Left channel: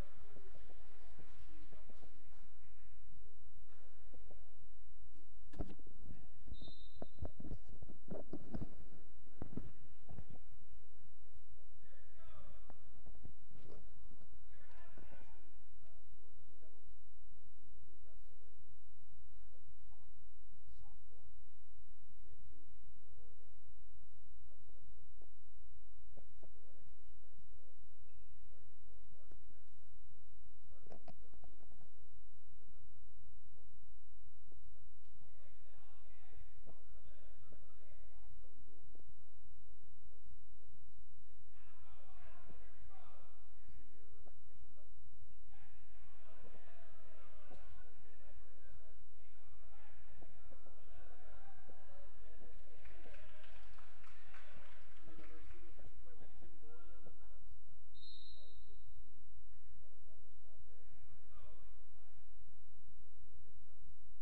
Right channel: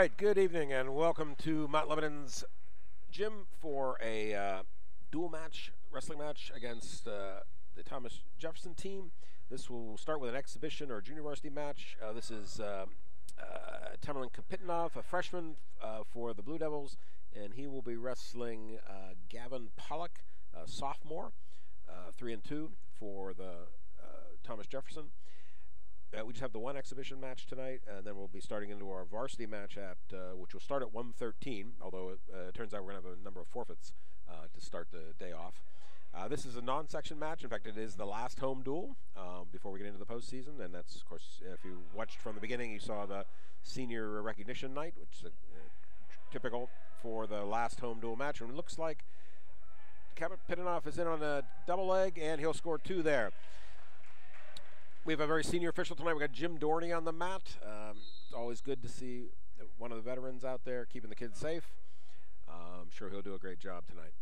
right, good evening and welcome to Mount Lebanon's gym for a dual match, wrestling match against the Thomas Jefferson team. This will start with an exhibition or junior varsity match. This is Tamerlan Kapitanov, a freshman for the Blue Devils, and he will be wrestling Gavin Pollock, a sophomore, 3-2 for the Thomas Jefferson. We just have the one exhibition match tonight, and then we'll be starting into our varsity match at which will start at 1:13. Although it turns out we're going to have a number of forfeits to start the day off. This is a non-section match. In fact, it is the last home duel before we get into the postseason, and that's, of course, if you watched from the beginning, you saw the senior recognition night, which is typical for the last home duel match. And it looks like Kapitanov is in on a double leg, and he'll score 2 there. We have a very senior official tonight. We've got Jim Dorney on the mat. It's always good to see one of the veterans out there keeping the kids safe. I'm sure he'll do a great job tonight.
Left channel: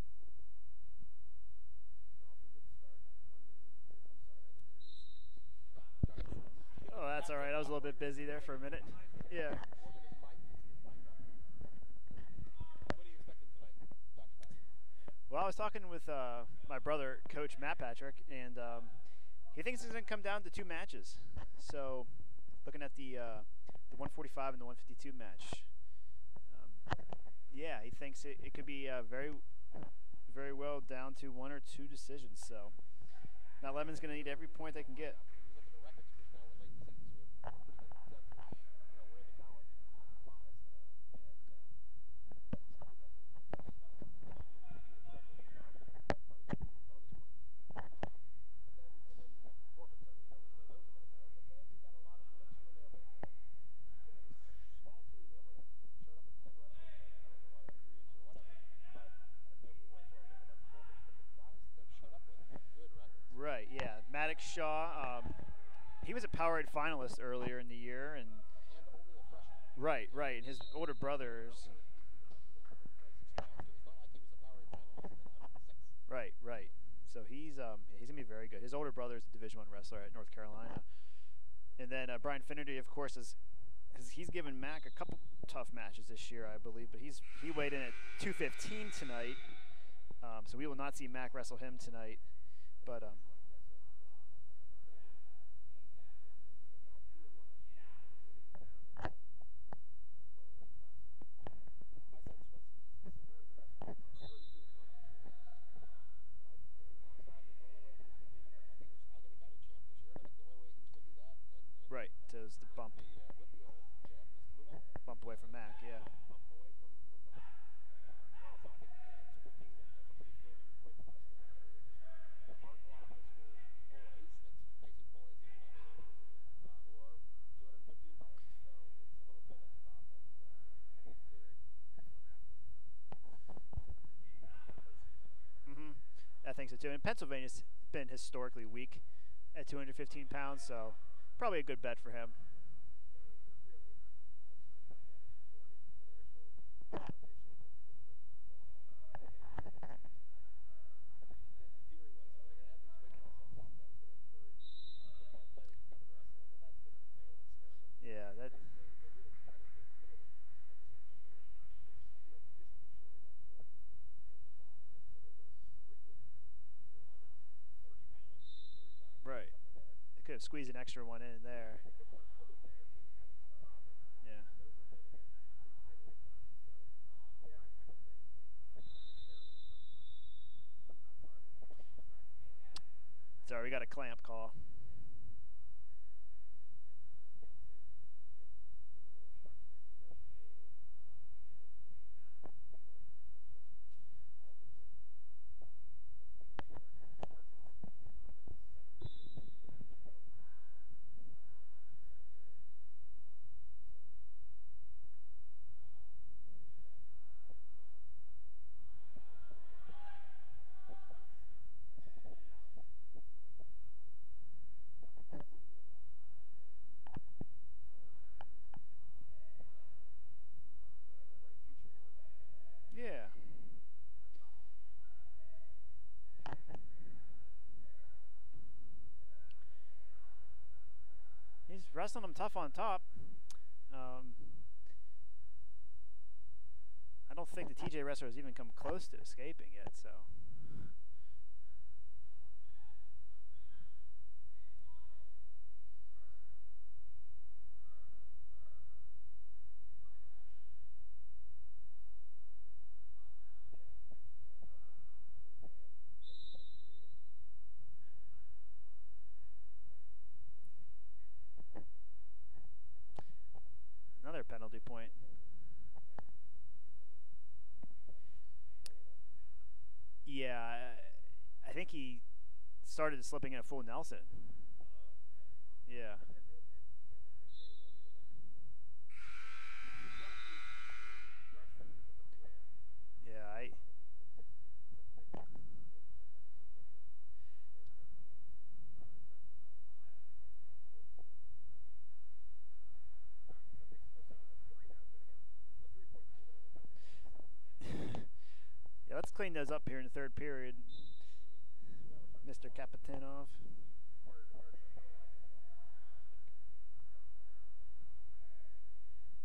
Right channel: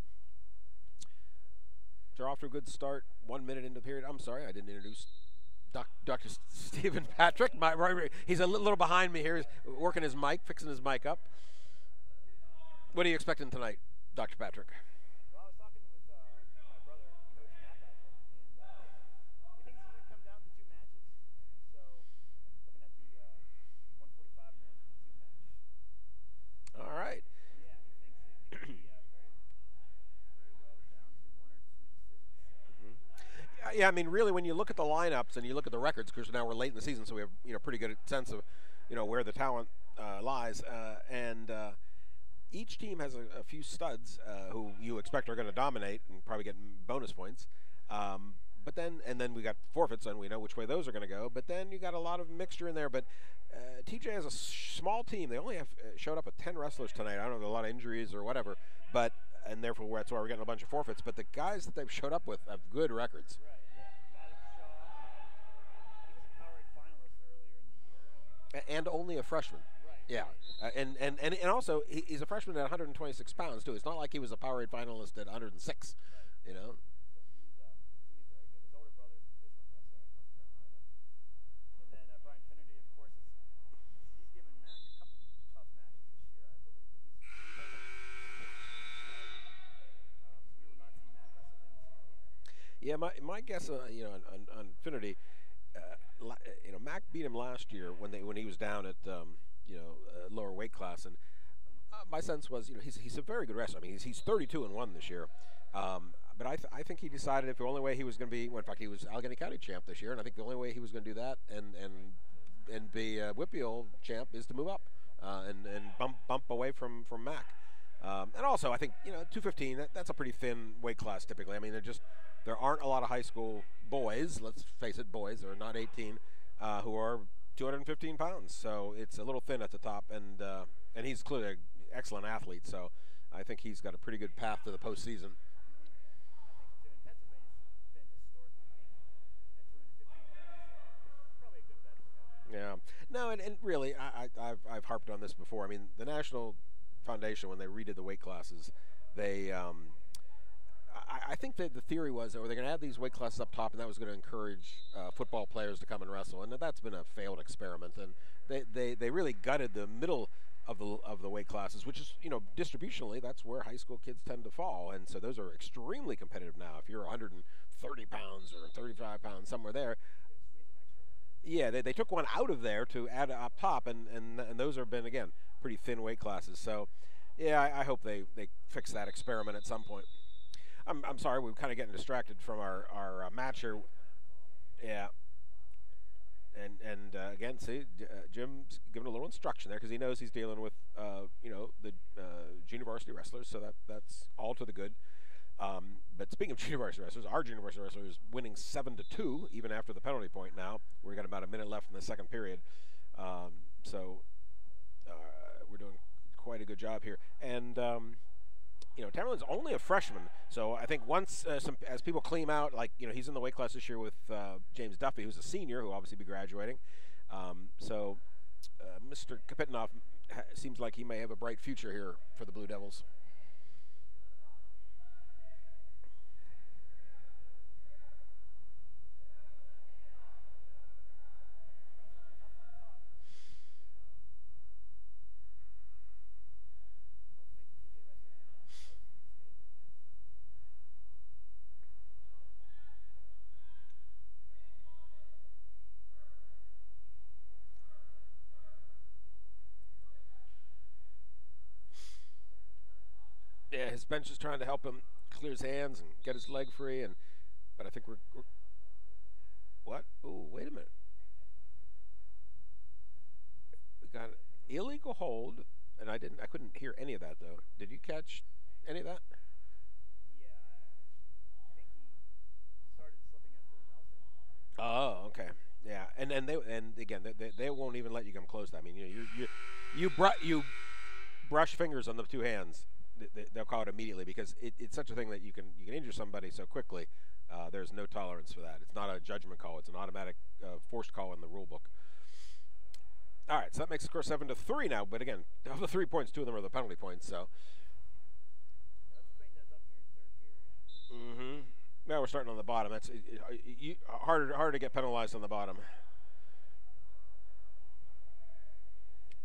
They're off to a good start. 1 minute into the period. I'm sorry, I didn't introduce Dr. Stephen Patrick. Right. He's a little behind me here. Yeah. He's working his mic, fixing his mic up. What are you expecting tonight, Dr. Patrick? Well, I was talking with my brother, Coach Matt Patrick, and he thinks it's going to come down to 2 matches. So, looking at the 145 and the 152 match. All right. Yeah, he thinks it could be very, very well down to 1 or 2 decisions. So. Yeah, I mean, really, when you look at the lineups and you look at the records, because now we're late in the season, so we have pretty good sense of where the talent lies, and each team has a few studs who you expect are going to dominate and probably get bonus points. But then we got forfeits, and we know which way those are going to go. But then you got a lot of mixture in there. But TJ has a small team. They only have showed up with 10 wrestlers tonight. I don't know, a lot of injuries or whatever. And therefore that's why we're getting a bunch of forfeits. But the guys that they've showed up with have good records. Right. Yeah. Maddox Shaw. He was a Powerade finalist earlier in the year, and only a freshman. Right. Yeah. Right. His older brother. And also he's a freshman at 126 pounds too. It's not like he was a Powerade finalist at 106. Right. Right. You know? So he's gonna be very good. His older brother is a Division I wrestler at North Carolina, and then Brian Finnerty, of course, he's given Mac a couple tough matches this year, I believe. But he weighed in at 215 tonight, so we will not see Mac wrestle him tonight. Yeah, my guess, on Finnerty, Mac beat him last year when he was down at lower weight class, and my sense was he's a very good wrestler. I mean he's 32-1 this year. But I think he decided if the only way he was going to be, well, in fact, he was Allegheny County champ this year, and I think the only way he was going to do that and be Whitfield champ is to move up and bump away from Mac. And also, I think 215 that's a pretty thin weight class typically. I mean, there aren't a lot of high school boys. Let's face it, boys are not 18 who are 215 pounds. So it's a little thin at the top, and he's clearly an excellent athlete. So I think he's got a pretty good path to the postseason. I think so too. And Pennsylvania's been historically weak at 215 pounds, so probably a good bet for him. Yeah. No, and really, I've harped on this before. I mean, the National Foundation, when they redid the weight classes, they I think that the theory was that they're going to add these weight classes up top, and that was going to encourage football players to come and wrestle. And that's been a failed experiment. And yeah, they really gutted the middle of the weight classes, which is distributionally that's where high school kids tend to fall, and so those are extremely competitive now. If you're 130 pounds or 35 pounds, somewhere there, could have squeezed an extra one in there. Yeah, they took one out of there to add up top, and those have been again pretty thin weight classes. So yeah, I hope they fix that experiment at some point. I'm sorry, we're kind of getting distracted from our match here. We got a clamp call. Yeah. And again, see, Jim's giving a little instruction there because he knows he's dealing with, the junior varsity wrestlers, so that's all to the good. But speaking of junior varsity wrestlers, our junior varsity wrestler is winning 7-2, even after the penalty point now. We've got about a minute left in the second period. So we're doing quite a good job here. And, Tamerlan's only a freshman, so I think once as people clean out, he's in the weight class this year with James Duffy, who's a senior, who will obviously be graduating. So Mr. Kapitanov seems like he may have a bright future here for the Blue Devils. Yeah. He's wrestling them tough on top. don't think the TJ wrestler has even come close to escaping yet. So. Yeah, his bench is trying to help him clear his hands and get his leg free, but I think we're what? Oh, wait a minute. We got another penalty illegal point. hold, and I couldn't hear any of that though. Did you catch any of that? Yeah, I think he started slipping in a full Nelson. Oh, okay. Yeah, and again they won't even let you come close. I mean, you brush fingers on the two hands. They'll call it immediately because it's such a thing that you can injure somebody so quickly. There's no tolerance for that. It's not a judgment call. It's an automatic forced call in the rule book. All right, so that makes the score 7-3 now. But again, of the 3 points, 2 of them are the penalty points. So yeah, let's clean those up here in the third period. Mm-hmm. Now we're starting on the bottom. That's harder to get penalized on the bottom.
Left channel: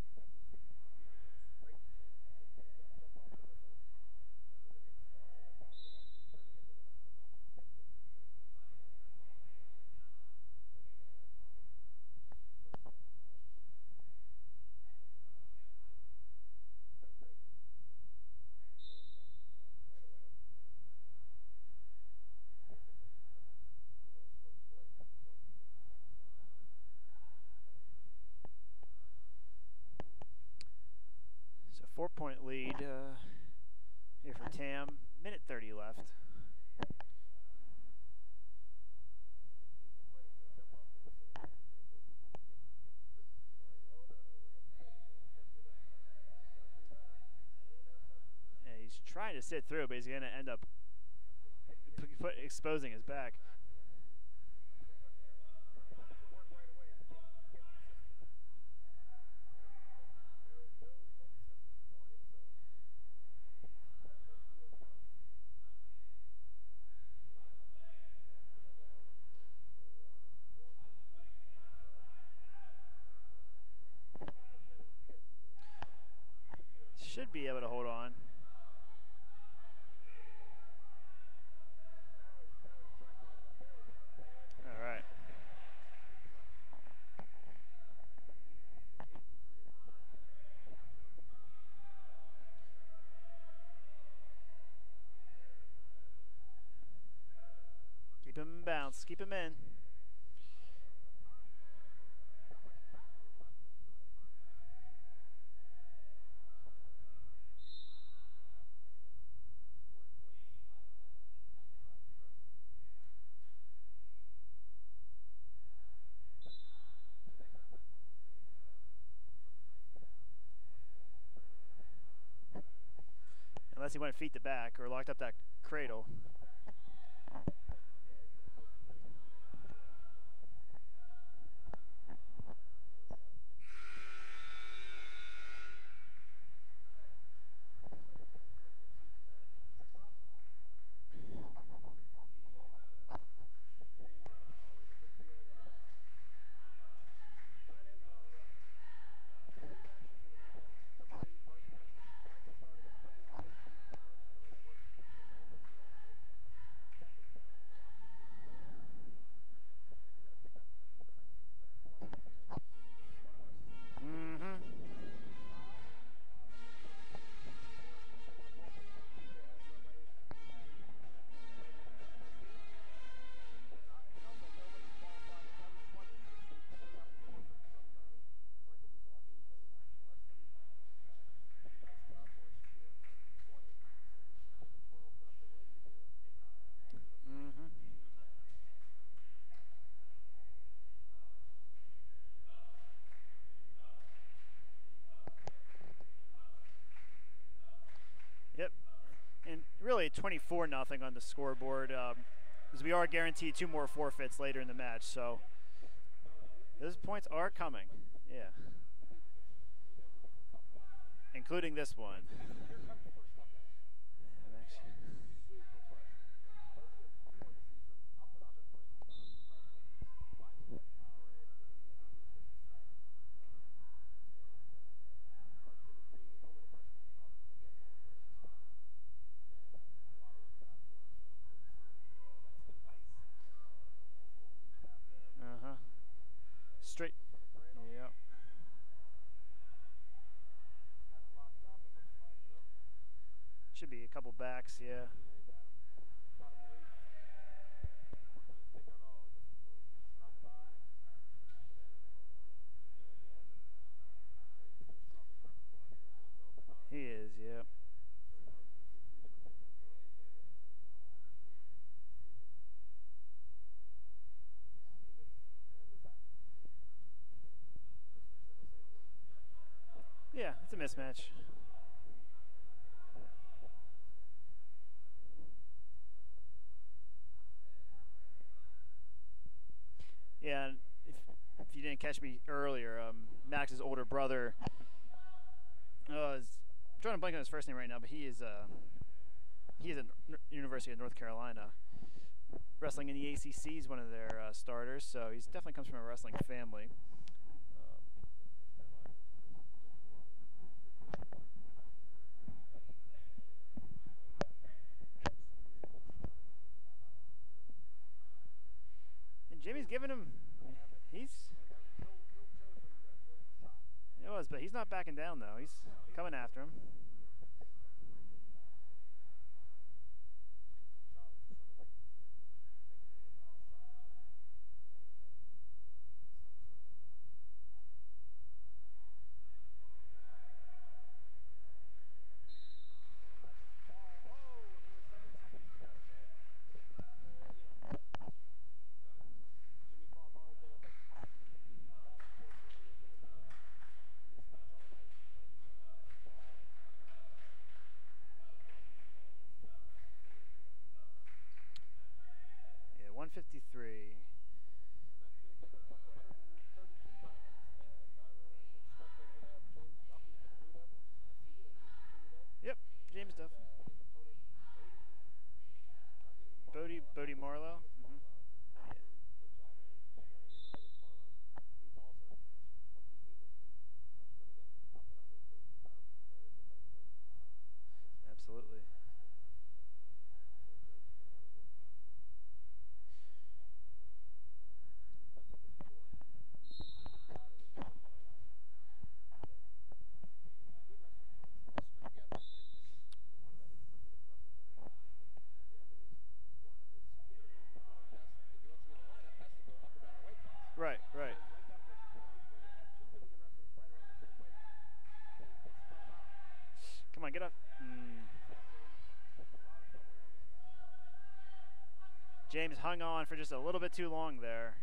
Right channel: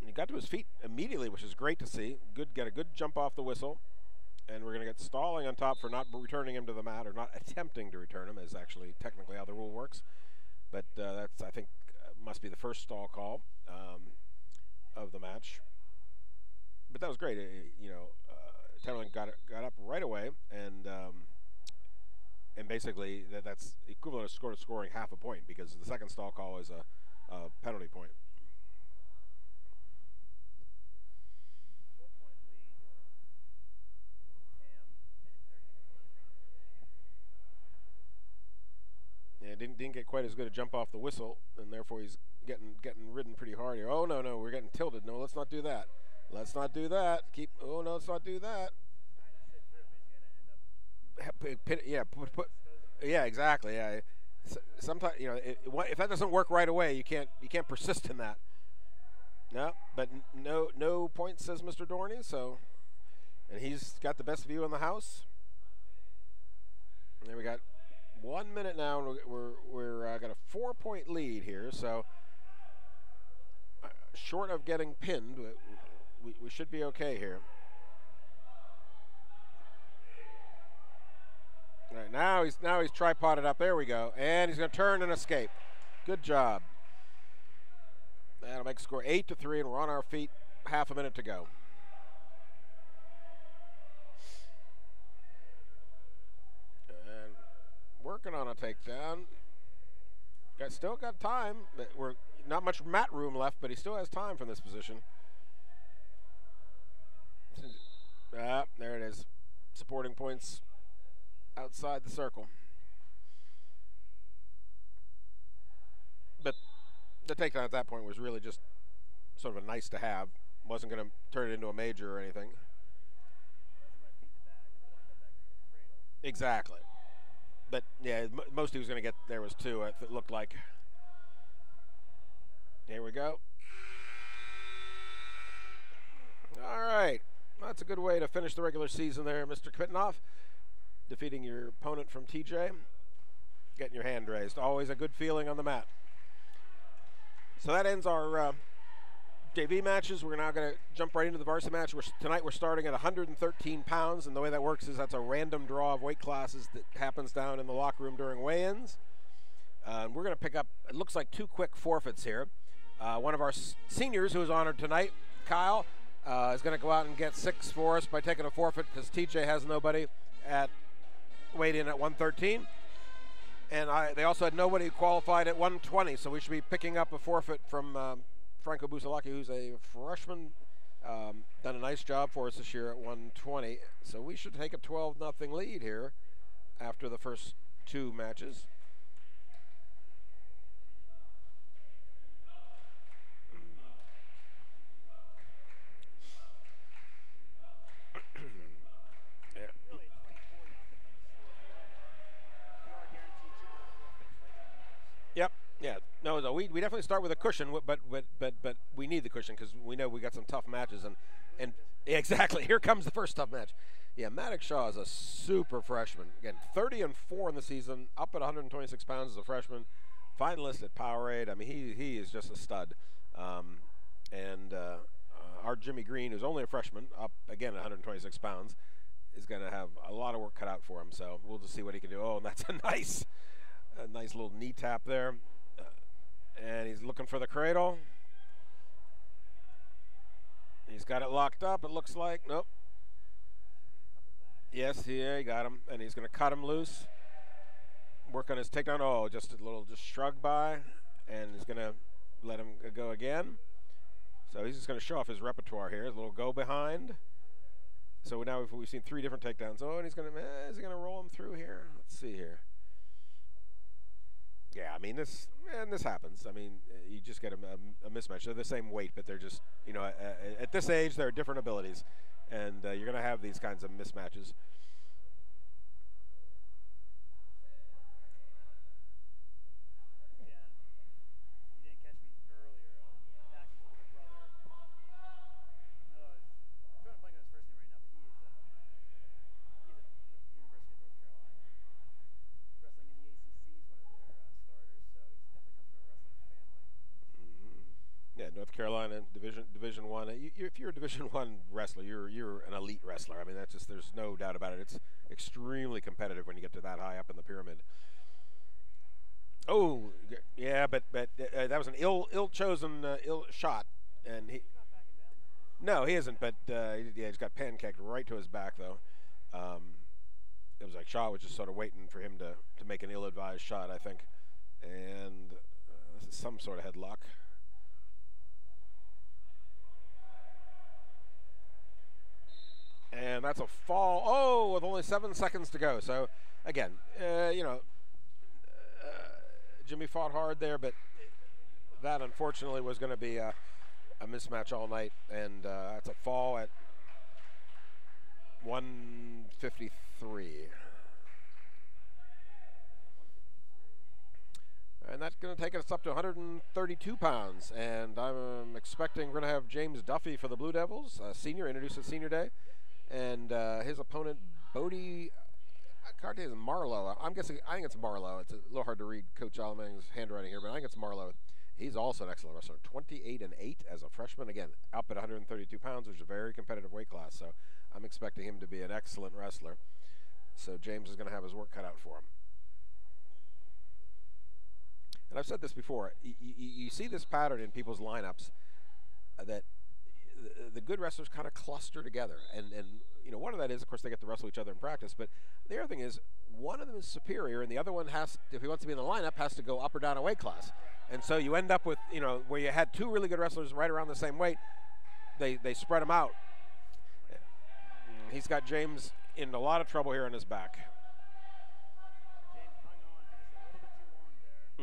And he got to his feet immediately, which is great to see. Get a good jump off the whistle. And we're going to get stalling on top for not returning him to the mat, or not attempting to return him, is actually technically how the rule works. But that's, I think, must be the first stall call of the match. But that was great. Tamerlan got up right away, and basically that's equivalent to scoring half a point, because the second stall call is a penalty point. So 4-point lead. Here for Tam, minute 30 left. Yeah, didn't get quite as good a jump off the whistle, and therefore he's getting ridden pretty hard here. Oh no, we're getting tilted. No, let's not do that. Let's not do that. Oh no, let's not do that. Yeah, he's trying to sit through, but he's going to end up exposing his back. Yeah, exactly. Yeah. Sometimes if that doesn't work right away, you can't persist in that. No, but no points, says Mr. Dorney. So. And he's got the best view in the house. And then we got 1 minute now, and we're got a 4-point lead here. So short of getting pinned, we should be okay here. Should be able to hold on. All right, now he's tripoded up. There we go, and he's going to turn and escape. Good job. That'll make the score 8-3, and we're on our feet. Half a minute to go. Working on a takedown. Keep him in. Still got time. We're not much mat room left, but he still has time from this position. There it is. Supporting points outside the circle. But the takedown at that point was really just sort of a nice to have. Wasn't going to turn it into a major or anything. Unless he went feet to back or locked up that cradle. Exactly. But yeah, most he was going to get there was 2. It looked like. Here we go. All right, that's a good way to finish the regular season there, Mr. Kvitnov. Defeating your opponent from TJ, getting your hand raised. Always a good feeling on the mat. So that ends our JV matches. We're now going to jump right into the varsity match. Tonight we're starting at 113 pounds, and the way that works is that's a random draw of weight classes that happens down in the locker room during weigh-ins. We're going to pick up, it looks like 2 quick forfeits here. One of our seniors who is honored tonight, Kyle, is going to go out and get 6 for us by taking a forfeit because TJ has nobody at weighed in at 113. And they also had nobody qualified at 120, so we should be picking up a forfeit from Franco Busalaki, who's a freshman, done a nice job for us this year at 120. So we should take a 12-0 lead here after the first 2 matches. Yep. And really 24-0 on the scoreboard. Because we are guaranteed 2 more forfeits later in the match. So. Yep. Yeah. No, we definitely start with a cushion, but we need the cushion because we know we got some tough matches, including this one. Yeah, exactly. Here comes the first tough match. Yeah, Maddox Shaw is a super freshman. Again, 30-4 in the season, up at 126 pounds as a freshman, finalist at Powerade. I mean, he is just a stud. our Jimmy Green, who's only a freshman, up again at 126 pounds, is going to have a lot of work cut out for him. So we'll just see what he can do. Oh, and that's a nice little knee tap there. And he's looking for the cradle. Yep. He's got it locked up, it looks like. Nope. Should be a couple backs. Yes, yeah, he got him. And he's going to cut him loose. Work on his takedown. Oh, just shrug by. And he's going to let him go again. So he's just going to show off his repertoire here. His little go behind. He is, yeah. So now we've seen 3 different takedowns. Oh, and he's going to, is he going to roll him through here? Let's see here. Yeah, I mean, this happens. I mean, you just get a mismatch. They're the same weight, but they're just, at this age, there are different abilities. And you're going to have these kinds of mismatches. Yeah, and if you didn't catch me earlier, Max's older brother, I'm trying to blank on his first name right now, but he is at University of North Carolina. Wrestling in the ACC is one of their starters, so he definitely comes from a wrestling family. Yeah, North Carolina Division One. If you're a Division One wrestler, you're an elite wrestler. I mean, there's no doubt about it. It's extremely competitive when you get to that high up in the pyramid. Oh, yeah, but that was an ill-chosen shot. But he's not backing down though. He isn't. But he's got pancaked right to his back though. It was like Shaw was just sort of waiting for him to make an ill-advised shot, I think, and this is some sort of headlock. And that's a fall. Oh, with only 7 seconds to go. So again, Jimmy fought hard there, but that unfortunately was going to be a mismatch all night, and that's a fall at 153. Yeah, 153. And that's going to take us up to 132 pounds, and I'm expecting we're going to have James Duffy for the Blue Devils, senior, introduced at Senior Day. Yep. And his opponent, Bodie. Cartes Marlowe. I'm guessing. I think it's Marlowe. It's a little hard to read Coach Alamang's handwriting here, but I think it's Marlowe. He's also an excellent wrestler. 28-8 as a freshman. Again, up at 132 pounds, which is a very competitive weight class. So I'm expecting him to be an excellent wrestler. So James is going to have his work cut out for him. And I've said this before. You see this pattern in people's lineups that the good wrestlers kind of cluster together, and one of that is, of course, they get to wrestle each other in practice, but the other thing is one of them is superior, and the other one has, if he wants to be in the lineup, has to go up or down a weight class. Right. And so you end up with, where you had 2 really good wrestlers right around the same weight, they spread them out. Come on, get up. He's got James in a lot of trouble here on his back. James hung on for just a little bit too long there.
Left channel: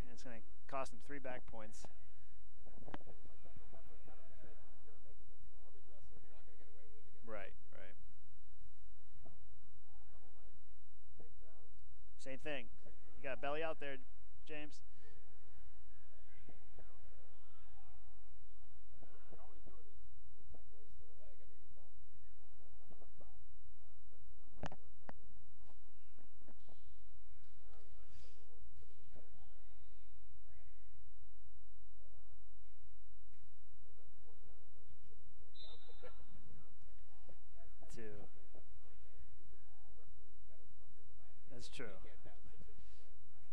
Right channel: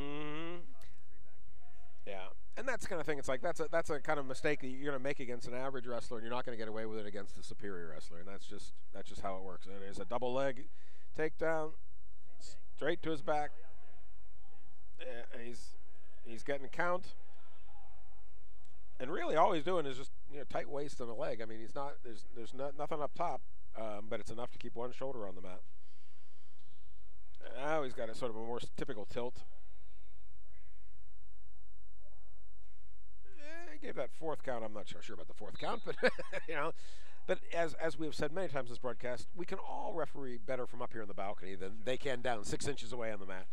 Cost him 3 back points. Yeah, and that's the kind of thing. It's like that's a kind of mistake that you're going to make against an average wrestler, and you're not going to get away with it against a superior wrestler. And that's just how it works. And there's a double leg takedown. Same thing. Straight to his back. Belly out there, James. Yeah, and he's getting a count. And really, all he's doing is just tight waist and a leg. I mean, there's nothing up top, but it's enough to keep one shoulder on the mat. Now he's got a sort of a more typical tilt. He gave that 4th count. I'm not sure about the 4th count, but But as we've said many times in this broadcast, we can all referee better from up here in the balcony than they can down 6 inches away on the mat.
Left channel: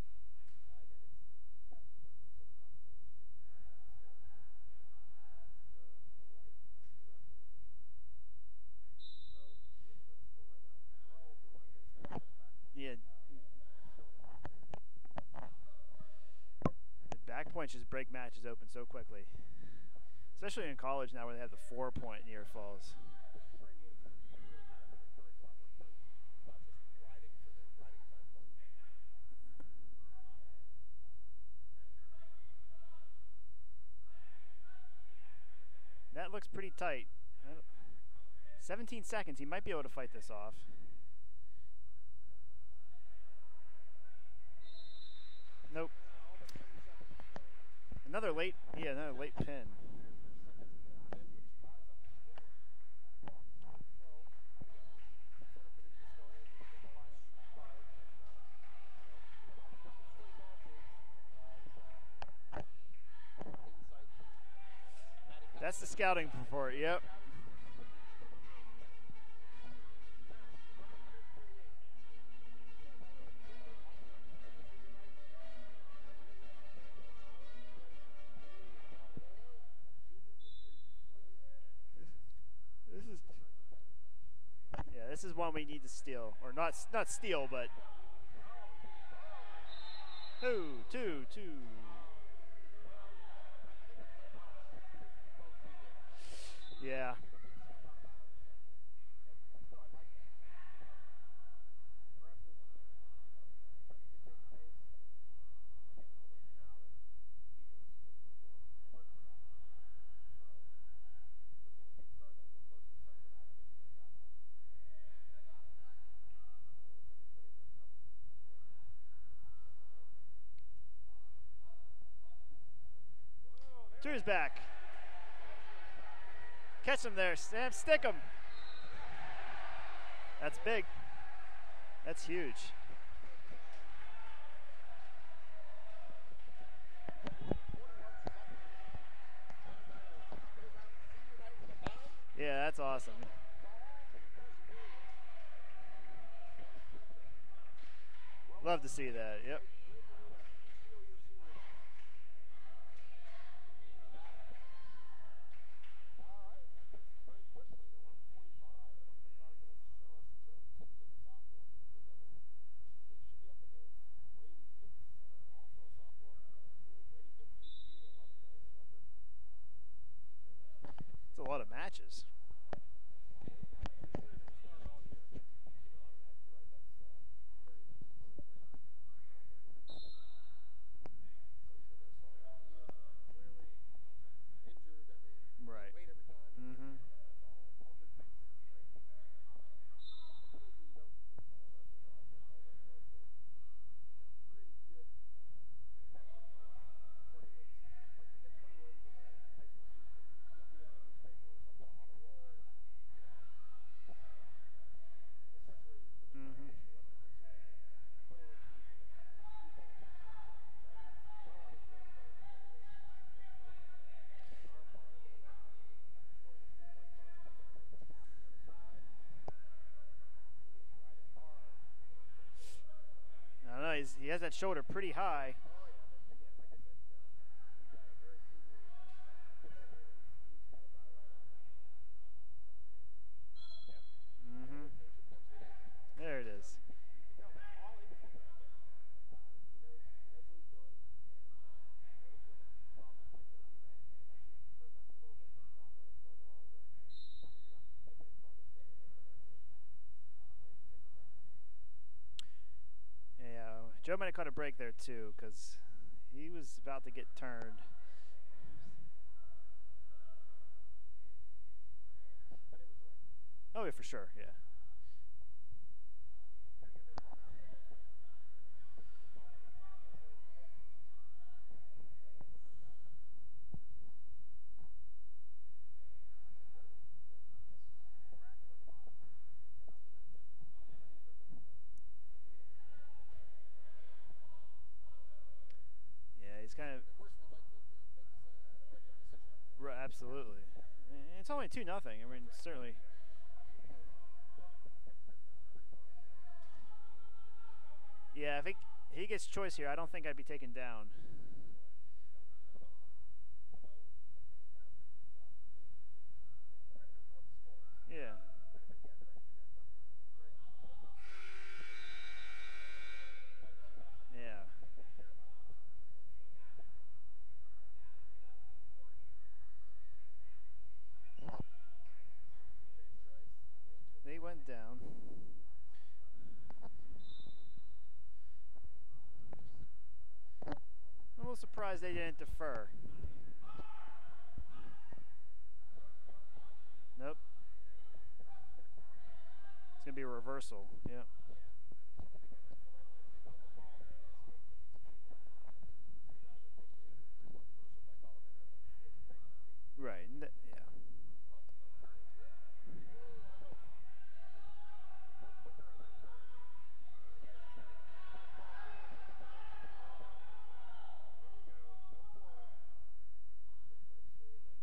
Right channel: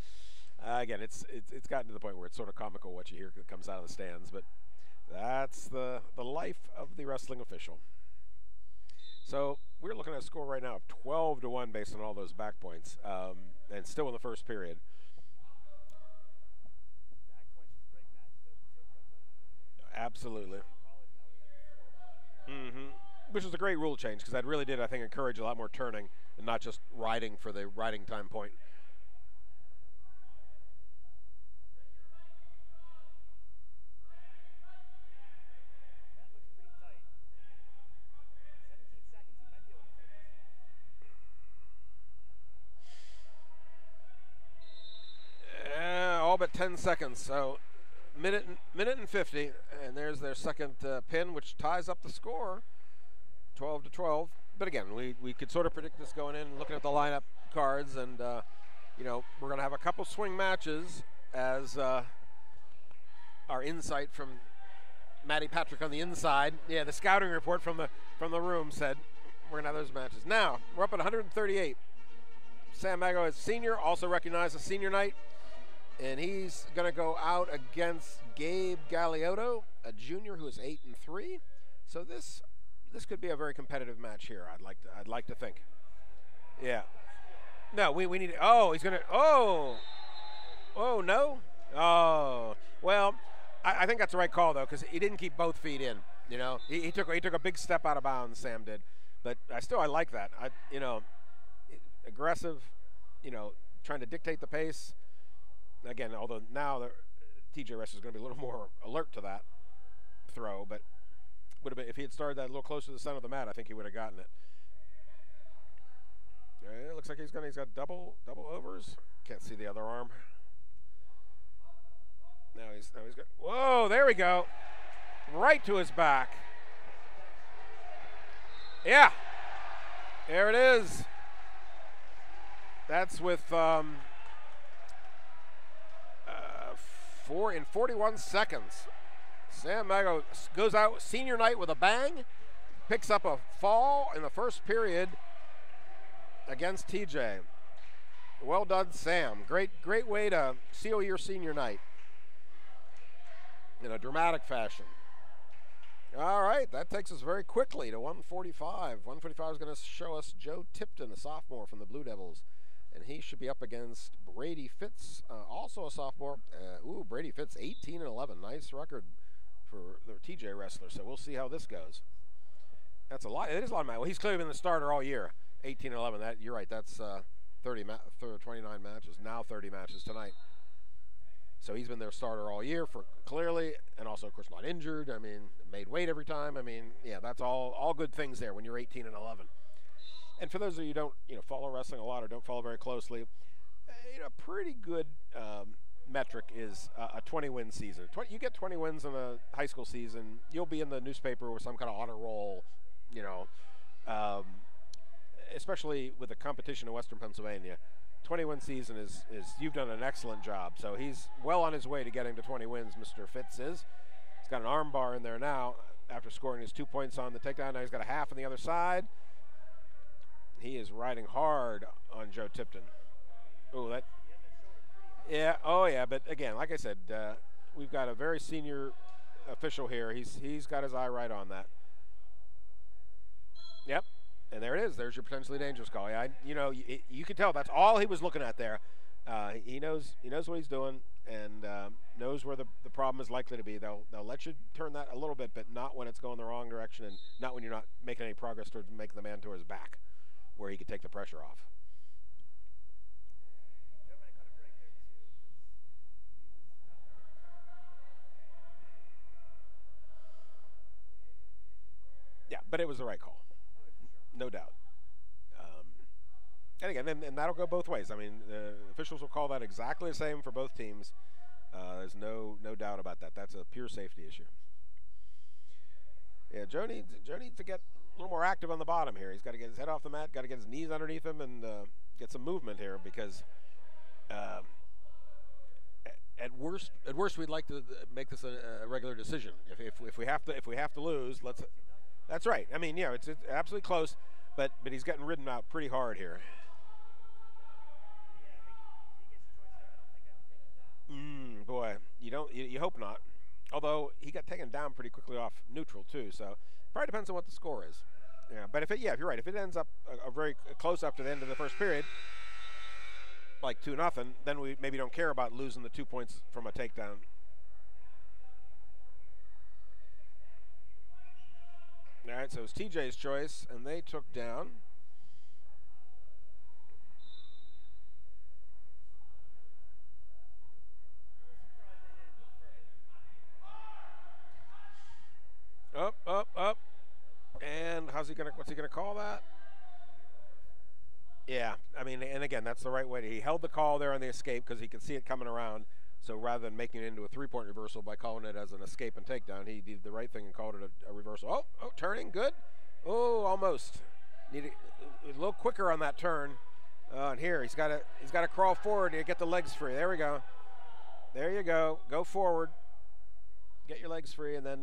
Again, it's gotten to the point where it's sort of comical what you hear that comes out of the stands, but that's the life of the wrestling official. So we're looking at a score right now of 12-1 based on all those back points, and still in the first period. The back points just break matches open so quickly. Absolutely. Especially in college now where they have the 4-point near falls. Which is a great rule change because that really did, I think, encourage a lot more turning and not just riding for the riding time point. That looks pretty tight. 17 seconds. He might be able to fight this off. All but 10 seconds. So minute and 50. And there's their second pin, which ties up the score, 12-12. But again, we could sort of predict this going in, looking at the lineup cards, and we're going to have a couple swing matches as our insight from Matty Patrick That's on the the scouting inside. report, Yeah, yep. the scouting report from the room said we're gonna have those matches. Now we're up at 138. Sam Mago is senior, also recognized as senior night, and he's gonna go out against Gabe Galeotto, a junior who is 8-3. So this could be a very competitive match here. I'd like to This is one think. we need to steal, or not Yeah. not steal, but No, we need. Oh, he's gonna. Oh. Oh, no? Oh, well, I think that's the right call, though, because he didn't keep both feet in. You know, he took a big step out of bounds, Sam did. But I like that. Aggressive, trying to dictate the pace. Again, although now the TJ Rest is going to be a little more alert to that throw, but would have been if he had started that a little closer to the center of the mat, I think he would have gotten it. It looks like he's got double overs. Can't see the other arm. Now he's got. Whoa! There we go. Back. Right to his back. Catch him there, Sam. Stick him. Yeah. There That's it big. is. That's huge. That's with 41 seconds. Sam Mago goes out senior night with a bang. Yeah, that's awesome. Picks up a fall in the first period against TJ. Well Love done, to see Sam. that, yep. Great way to seal your senior night in a dramatic fashion. All right, that takes us very quickly to 145. 145 is going to show us Joe Tipton, a sophomore from the Blue Devils, and he should be up against Brady Fitz, also a sophomore. Brady Fitz, 18-11, nice record for the TJ wrestler. So we'll see how this goes. Matches. That's a lot. It is a lot of matches. Well, he's clearly been the starter all year. 18-11. That you're right. That's 29 matches. Now 30 matches tonight. So he's been their starter all year for clearly, and also of course not injured. I mean, made weight every time. I mean, yeah, that's all good things there when you're 18-11. And for those of you who don't follow wrestling a lot or don't follow very closely, a pretty good metric is a 20-win season. You get 20 wins in a high school season, you'll be in the newspaper with some kind of honor roll. Especially with the competition in Western Pennsylvania. 20-win season is you've done an excellent job. So he's well on his way to getting to 20 wins, Mr. Fitz is. He's got an arm bar in there now after scoring his 2 points on the takedown. Now he's got a half on the other side. He is riding hard on Joe Tipton. He has that shoulder pretty high. Yeah, oh yeah, but again, like I said, we've got a very senior official here. He's got his eye right on that. Yep. And there it is. There's your potentially dangerous call. Yeah, you can tell that's all he was looking at there. He knows what he's doing and knows where the problem is likely to be. They'll let you turn that a little bit, but not when it's going the wrong direction and not when you're not making any progress towards making the man to his back, where he could take the pressure off. Yeah, Joe might have caught a break there too, because he was about to get turned. Yeah, but it was the right call. Oh, yeah, for sure. No doubt. And again, and that'll go both ways. I mean, officials will call that exactly the same for both teams. There's no doubt about that. That's a pure safety issue. Yeah, Joe needs to get a little more active on the bottom here. He's got to get his head off the mat, got to get his knees underneath him, and get some movement here because at worst we'd like to make this a regular decision. If we have to lose, it's only 2-0. That's right. I mean, it's absolutely close, but he's getting ridden out pretty hard here. Yeah, if he gets choice here, I don't think I'd be taken down. Boy, you hope not. Although he got taken down pretty quickly off neutral too, so probably depends on what the score is. Yeah. But if you're right, if it ends up a very close up to the end of the first period, like 2-0, then we maybe don't care about losing the 2 points from a takedown. All right, so it's TJ's choice, and they went down. I'm a little surprised they didn't defer. Up. Nope. And what's he gonna call that? It's gonna be a reversal. Yeah. Yeah, I mean, and again, that's the right way. He held the call there on the escape because he could see it coming around. So rather than making it into a 3-point reversal by calling it as an escape and takedown, he did the right thing and called it a reversal. Oh, turning, good. Oh, almost. Need a little quicker on that turn. And here he's got to crawl forward to get the legs free. There we go. There you go. Go forward. Get your legs free, and then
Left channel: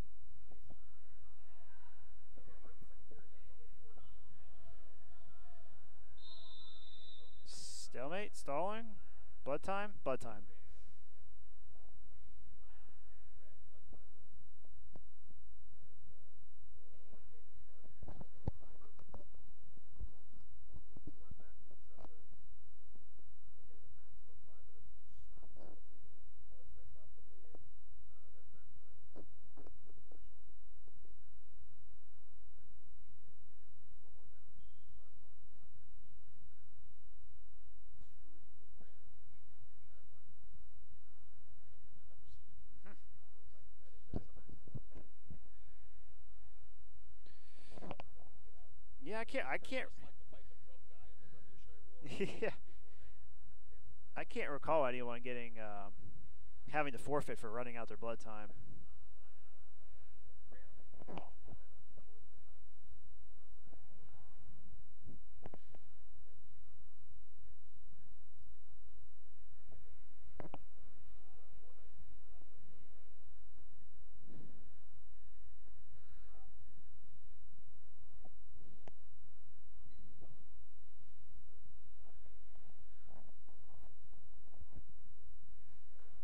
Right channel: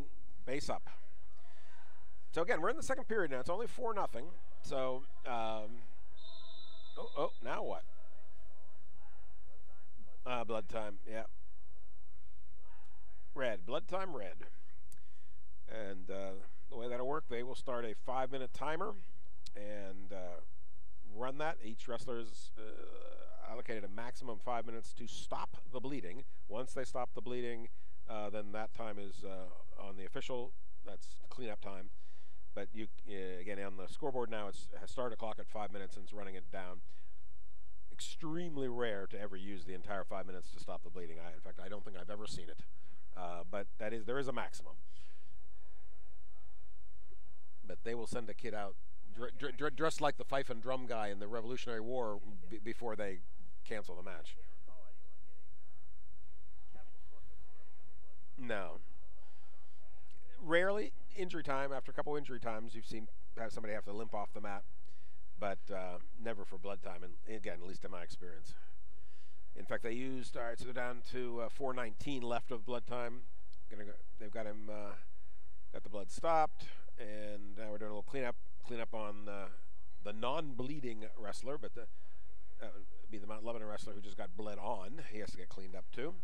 base up. So again, we're in the second period now. It's only 4-0. So, now what? Stalemate, stalling, blood time, blood time. Blood time, yeah. Red, blood time, red. And the way that'll work, they will start a 5-minute timer and run that. Each wrestler is allocated a maximum 5 minutes to stop the bleeding. Once they stop the bleeding, then that time is on the official. That's cleanup time. But you again on the scoreboard now, it has started a clock at 5 minutes and it's running it down. Extremely rare to ever use the entire 5 minutes to stop the bleeding. In fact, I don't think I've ever seen it. But there is a maximum. But they will send a kid out dressed like the fife and drum guy in the Revolutionary War before they cancel the match. I can't recall anyone having to forfeit for running out their blood time. No. Rarely injury time. After a couple injury times, you've seen somebody have to limp off the mat, but never for blood time. And again, at least in my experience. In fact, they used. All right, so they're down to 4:19 left of blood time. They've got him. Got the blood stopped, and now we're doing a little cleanup on the non-bleeding wrestler, but that would be the Mount Lebanon wrestler who just got bled on. He has to get cleaned up too.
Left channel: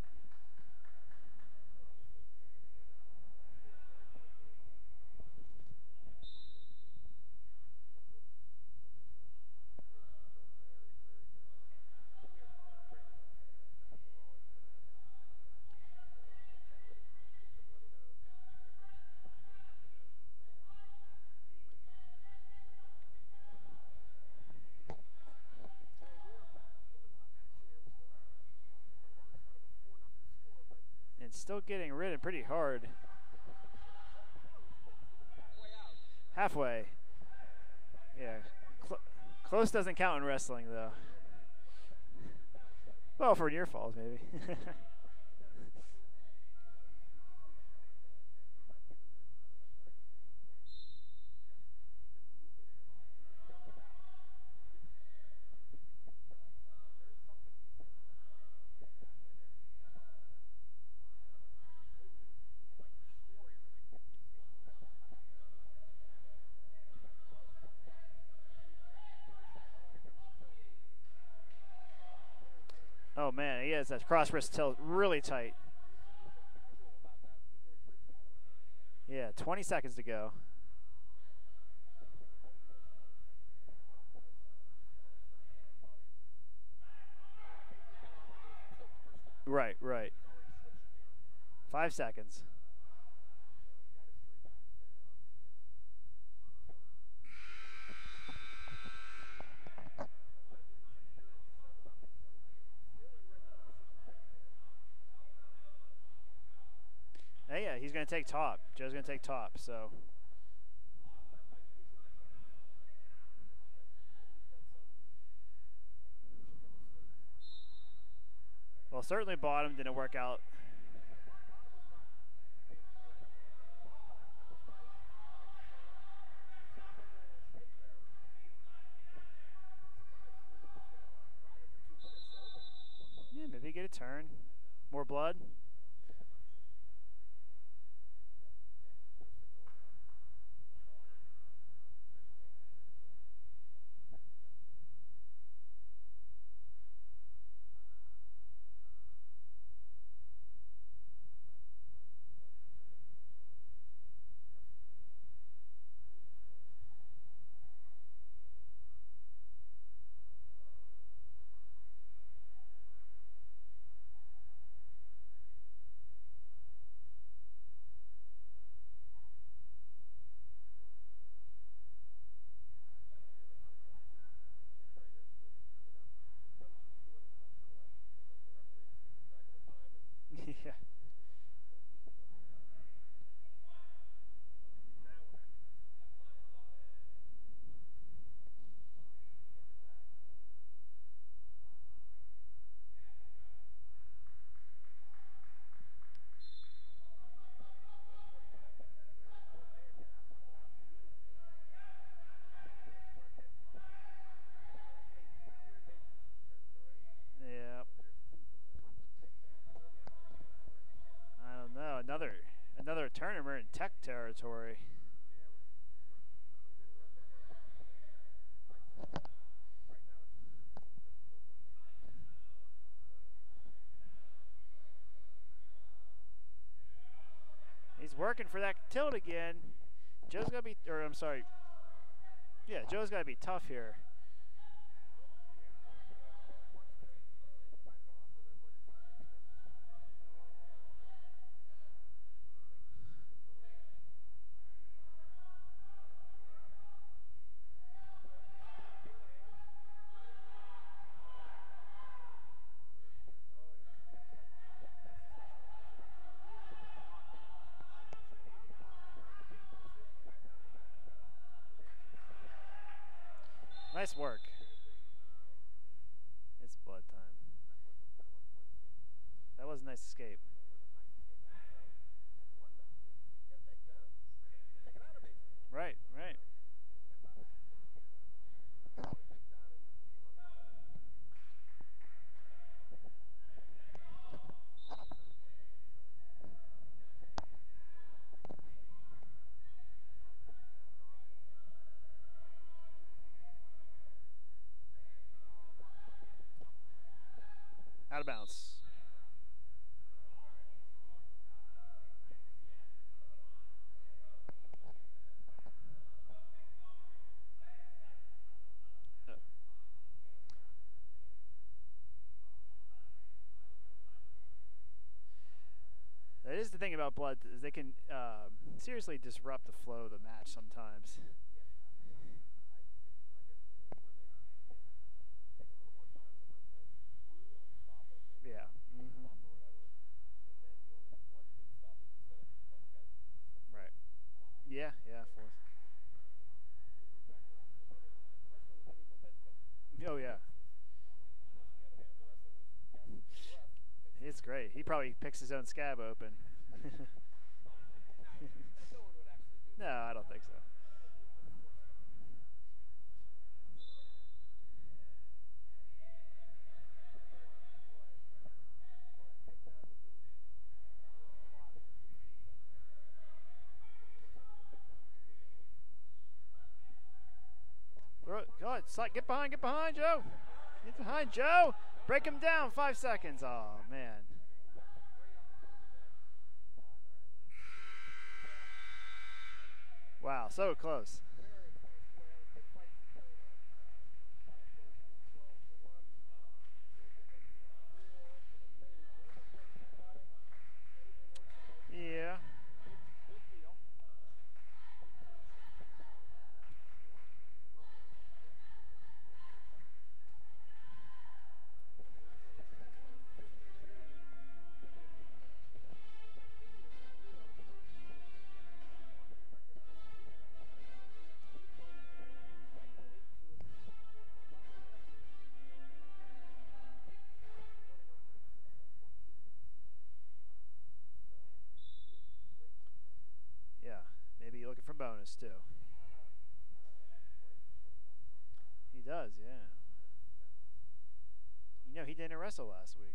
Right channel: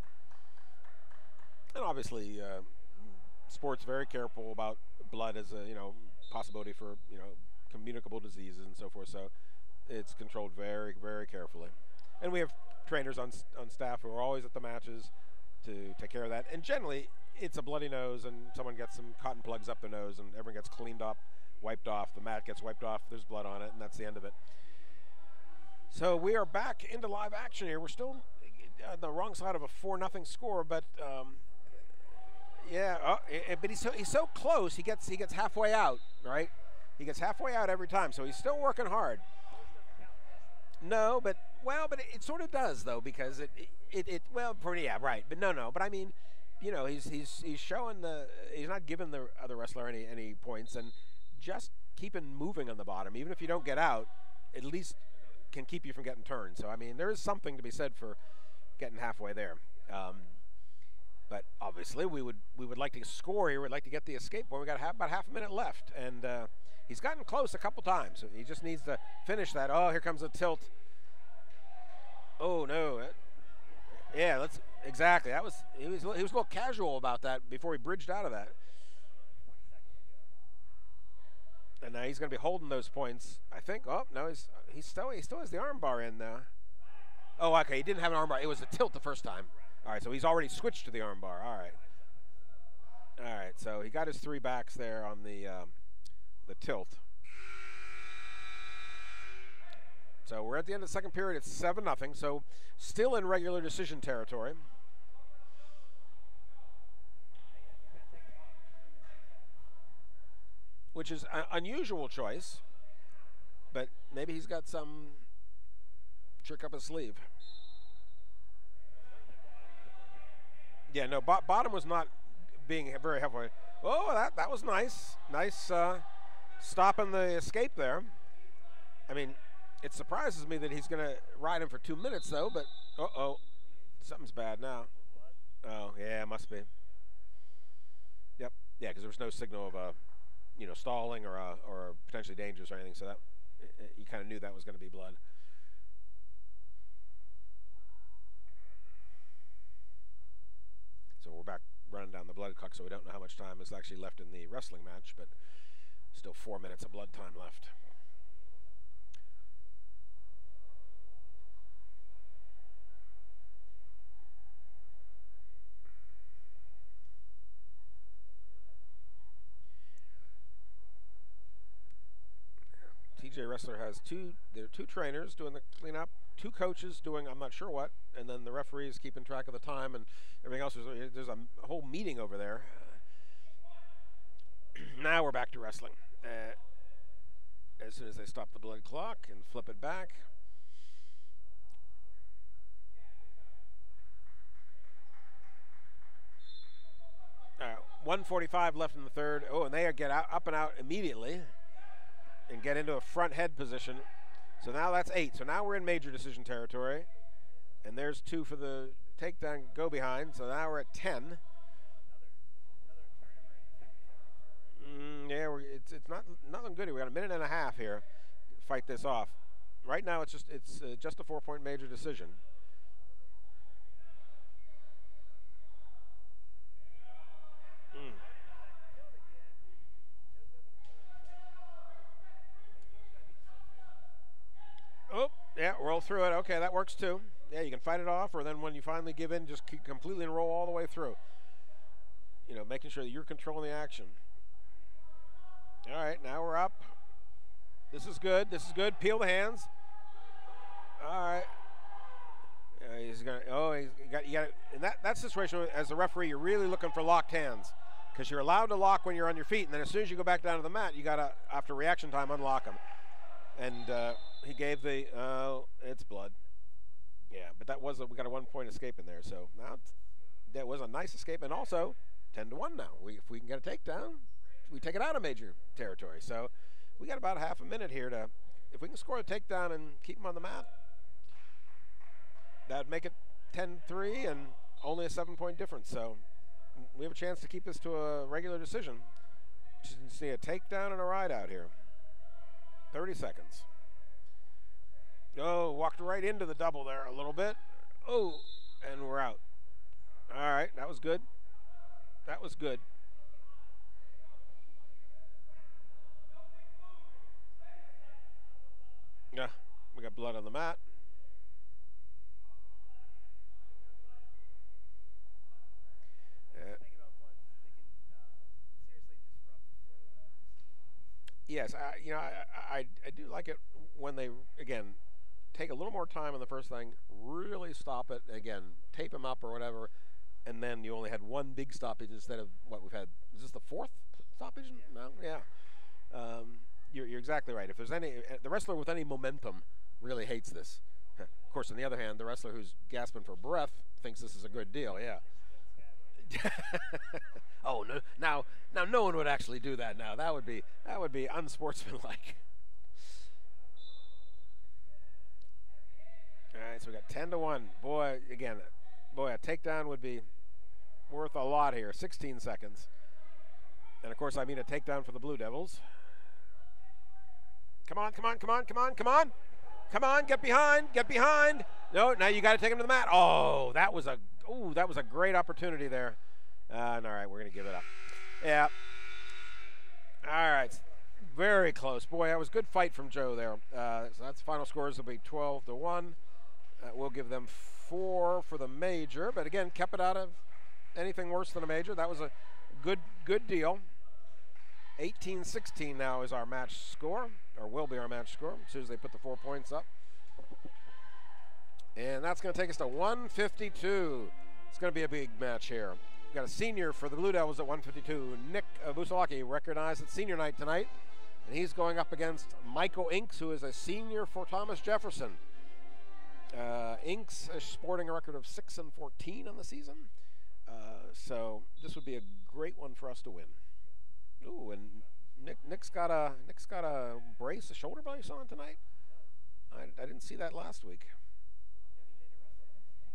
And obviously, sports very careful about blood as a possibility for communicable diseases and so forth. So it's controlled very, very carefully. And we have trainers on staff who are always at the matches to take care of that. And generally, it's a bloody nose, and someone gets some cotton plugs up their nose, and everyone gets cleaned up, wiped off. The mat gets wiped off. There's blood on it, and that's the end of it. So we are back into live action here. We're still on the wrong side of a 4-0 score, but it's still getting ridden pretty hard. Yeah, but he's so close. He gets halfway out, right? Halfway. He gets halfway out every time, so he's still working hard. Close doesn't count in wrestling, though. No, but it sort of does, though, because for near falls. Right, but no. But I mean, he's showing he's not giving the other wrestler any points, and just keeping moving on the bottom, even if you don't get out, at least can keep you from getting turned. So I mean, there is something to be said for getting halfway there. But obviously, we would like to score here. We'd like to get the escape point. We got about half a minute left, and he's gotten close a couple times. So he just needs to finish that. Oh, here comes a tilt. Oh no! Oh man, he has that cross tilt. Exactly. Really he was a little casual about that before he bridged out of that. Yeah, 20 seconds to go. And now he's going to be holding those points. I think. Oh no, he still has the arm bar in now. Oh, okay. He didn't have an arm bar. It was a tilt the first time. Right. All right. So he's already switched to the arm bar. All right. 5 seconds. All right. So he got his 3 backs there on the tilt. So we're at the end of the second period. It's 7-0. So still in regular decision territory. Hey, yeah, he's going to take top. Joe's going to take top. So, which is an unusual choice, but maybe he's got some trick up his sleeve. Well, certainly bottom didn't work out. Yeah, no, bottom was not being very halfway. Oh, that was nice. Nice stopping the escape there. I mean, it surprises me that he's going to ride him for 2 minutes, though, but uh-oh. Yeah, maybe get a turn. Something's bad now. More blood? Oh, yeah, must be. Yep. Yeah, because there was no signal of stalling or potentially dangerous or anything, so that you kind of knew that was going to be blood. So we're back running down the blood clock, so we don't know how much time is actually left in the wrestling match, but still 4 minutes of blood time left. TJ Wrestler has two trainers doing the cleanup, 2 coaches doing I'm not sure what, and then the referees keeping track of the time and everything else. There's a whole meeting over there. Now we're back to wrestling. As soon as they stop the blood clock and flip it back. 1:45 left in the third. Oh, and they get up and out immediately and get into a front head position. So now that's 8. So now we're in major decision territory. Yeah. And there's 2 for the takedown go behind. So now we're at 10. I don't know. Another tournament in Tech territory. Yeah, it's not nothing good here. We got a minute and a half here to fight this off. Right now, it's just a 4-point major decision. He's working for that tilt again. Joe's got to be, or I'm sorry. Yeah, Joe's got to be tough here. Oh, yeah, roll through it. Okay, that works too. Yeah, you can fight it off, or then when you finally give in, just completely roll all the way through. You know, making sure that you're controlling the action. All right, now we're up. This is good. This is good. Peel the hands. All right. He's gonna. Oh, you got. In that situation, as the referee, you're really looking for locked hands, because you're allowed to lock when you're on your feet, and then as soon as you go back down to the mat, you gotta, after reaction time, unlock them. And nice work. He gave the. It's blood. It's blood time. Yeah, but that was we got a 1-point escape in there, so that was a nice escape. That was a nice escape, and also 10-1 now. If we can get a takedown, we take it out of major territory. Right. So we got about half a minute here to, if we can score a takedown and keep him on the mat, that'd make it 10-3 and only a 7-point difference. So we have a chance to keep this to a regular decision. Just need a takedown and a ride out here. 30 seconds. Oh, walked right into the double there a little bit. Oh, bounce. And we're out. All right, that was good. That was good. Yeah, we got blood on the mat. That is the thing about blood, is they can seriously disrupt the flow of the match sometimes. Yes, I do like it when they, again, take a little more time on the first thing, really stop it, again, tape them up or whatever, and then you only had one big stoppage instead of what we've had. Is this the 4th stoppage? Yeah. No? Yeah. You're exactly right. If there's any, the wrestler with any momentum really hates this. Of course, on the other hand, the wrestler who's gasping for breath thinks this is a good deal. He probably picks his own scab open. Oh no! Now no one would actually do that. No, now that would be unsportsmanlike. All right, so we got 10-1. Boy, a takedown would be worth a lot here. 16 seconds, and of course, I mean a takedown for the Blue Devils. Come on! Get behind! Get behind! No, now you got to take him to the mat. Oh, that was a great opportunity there. All right, we're gonna give it up. Yeah. Wow, all right. So close. Very close. Boy, that was a good fight from Joe there. So that's the final scores will be 12-1. We'll give them 4 for the major, but again, kept it out of anything worse than a major. That was a good deal. 18-16 now is our match score, or will be our match score, as soon as they put the 4 points up. And that's going to take us to 152. It's going to be a big match here. We've got a senior for the Blue Devils at 152. Nick Busalaki recognized at senior night tonight, and he's going up against Michael Inks, who is a senior for Thomas Jefferson. Inks is sporting a record of 6-14 on the season, so this would be a great one for us to win. Yeah. Maybe looking for bonus too. Nick's got a brace, a shoulder brace on tonight. He does, yeah. I didn't see that last week. You know, he didn't wrestle last week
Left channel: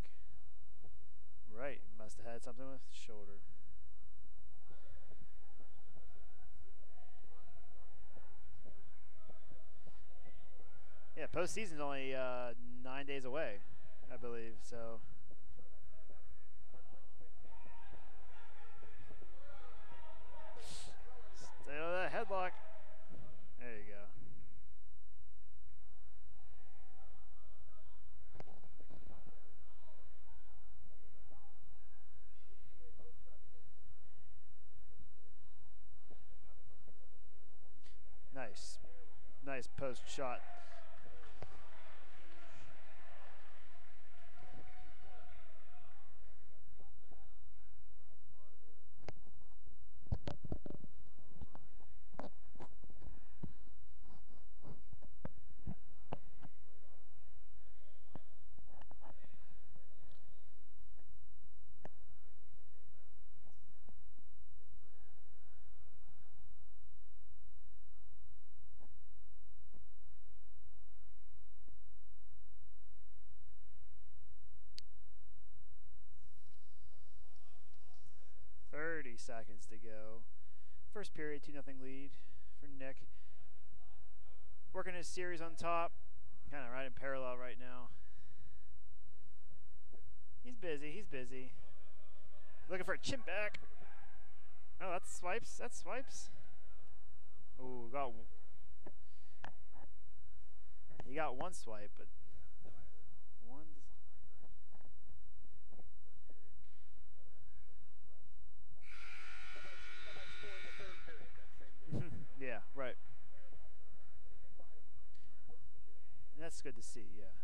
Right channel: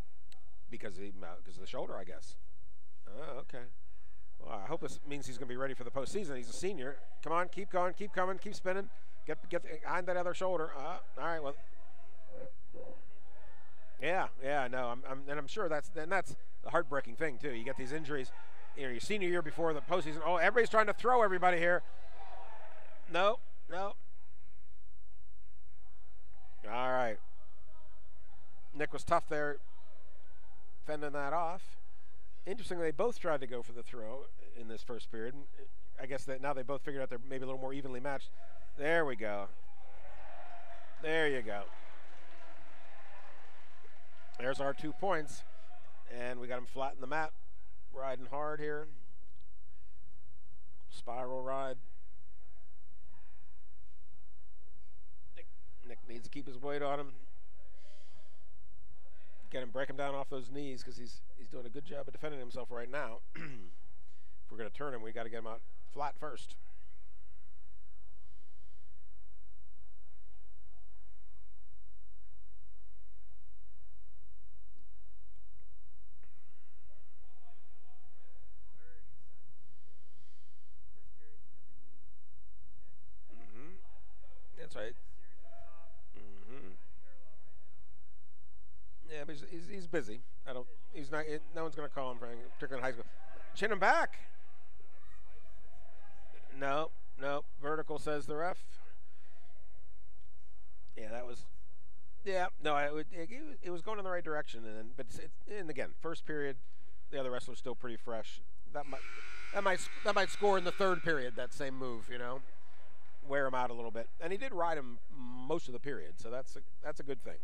because of the shoulder, I guess. Had something with the shoulder. Oh, okay. Well, I hope this means he's going to be ready for the postseason. He's a senior. Come on, keep going, keep coming, keep spinning. Get behind that other shoulder. All right. Postseason's only 9 days away. Yeah. No, I'm sure that's the heartbreaking thing too. You get these injuries. You know, your senior year before the postseason. Oh, everybody's trying to throw everybody here. That headlock. No. All right. Nick was tough there, fending that off. Interestingly, they both tried to go for the throw in this first period. I guess that now they both figured out they're maybe a little more evenly matched. Nice. There we go. Nice post shot. There you go. There's our 2 points. And we got him flat in the mat. Riding hard here. Spiral ride. Nick needs to keep his weight on him. Break him down off those knees, because he's doing a good job of defending himself right now. If we're going to turn him, we got to get him out flat first. seconds to go. First period, 2-0 lead for Nick. That's Working right. his series on top. Kind of right in parallel right now. Yeah, but he's busy. He's busy. No one's going to call him for anything. Looking for a chin back. Chin him back. Oh, that's swipes. That's swipes. No. Vertical well. says the ref. Yeah, He got one swipe, but yeah, no, it was going in the right direction, and again, first period, the other wrestler's still pretty fresh. That might score in the third period. That same move, you know. Yeah, right. Wear him out a little bit, and he did ride him most of the period, so that's a good thing.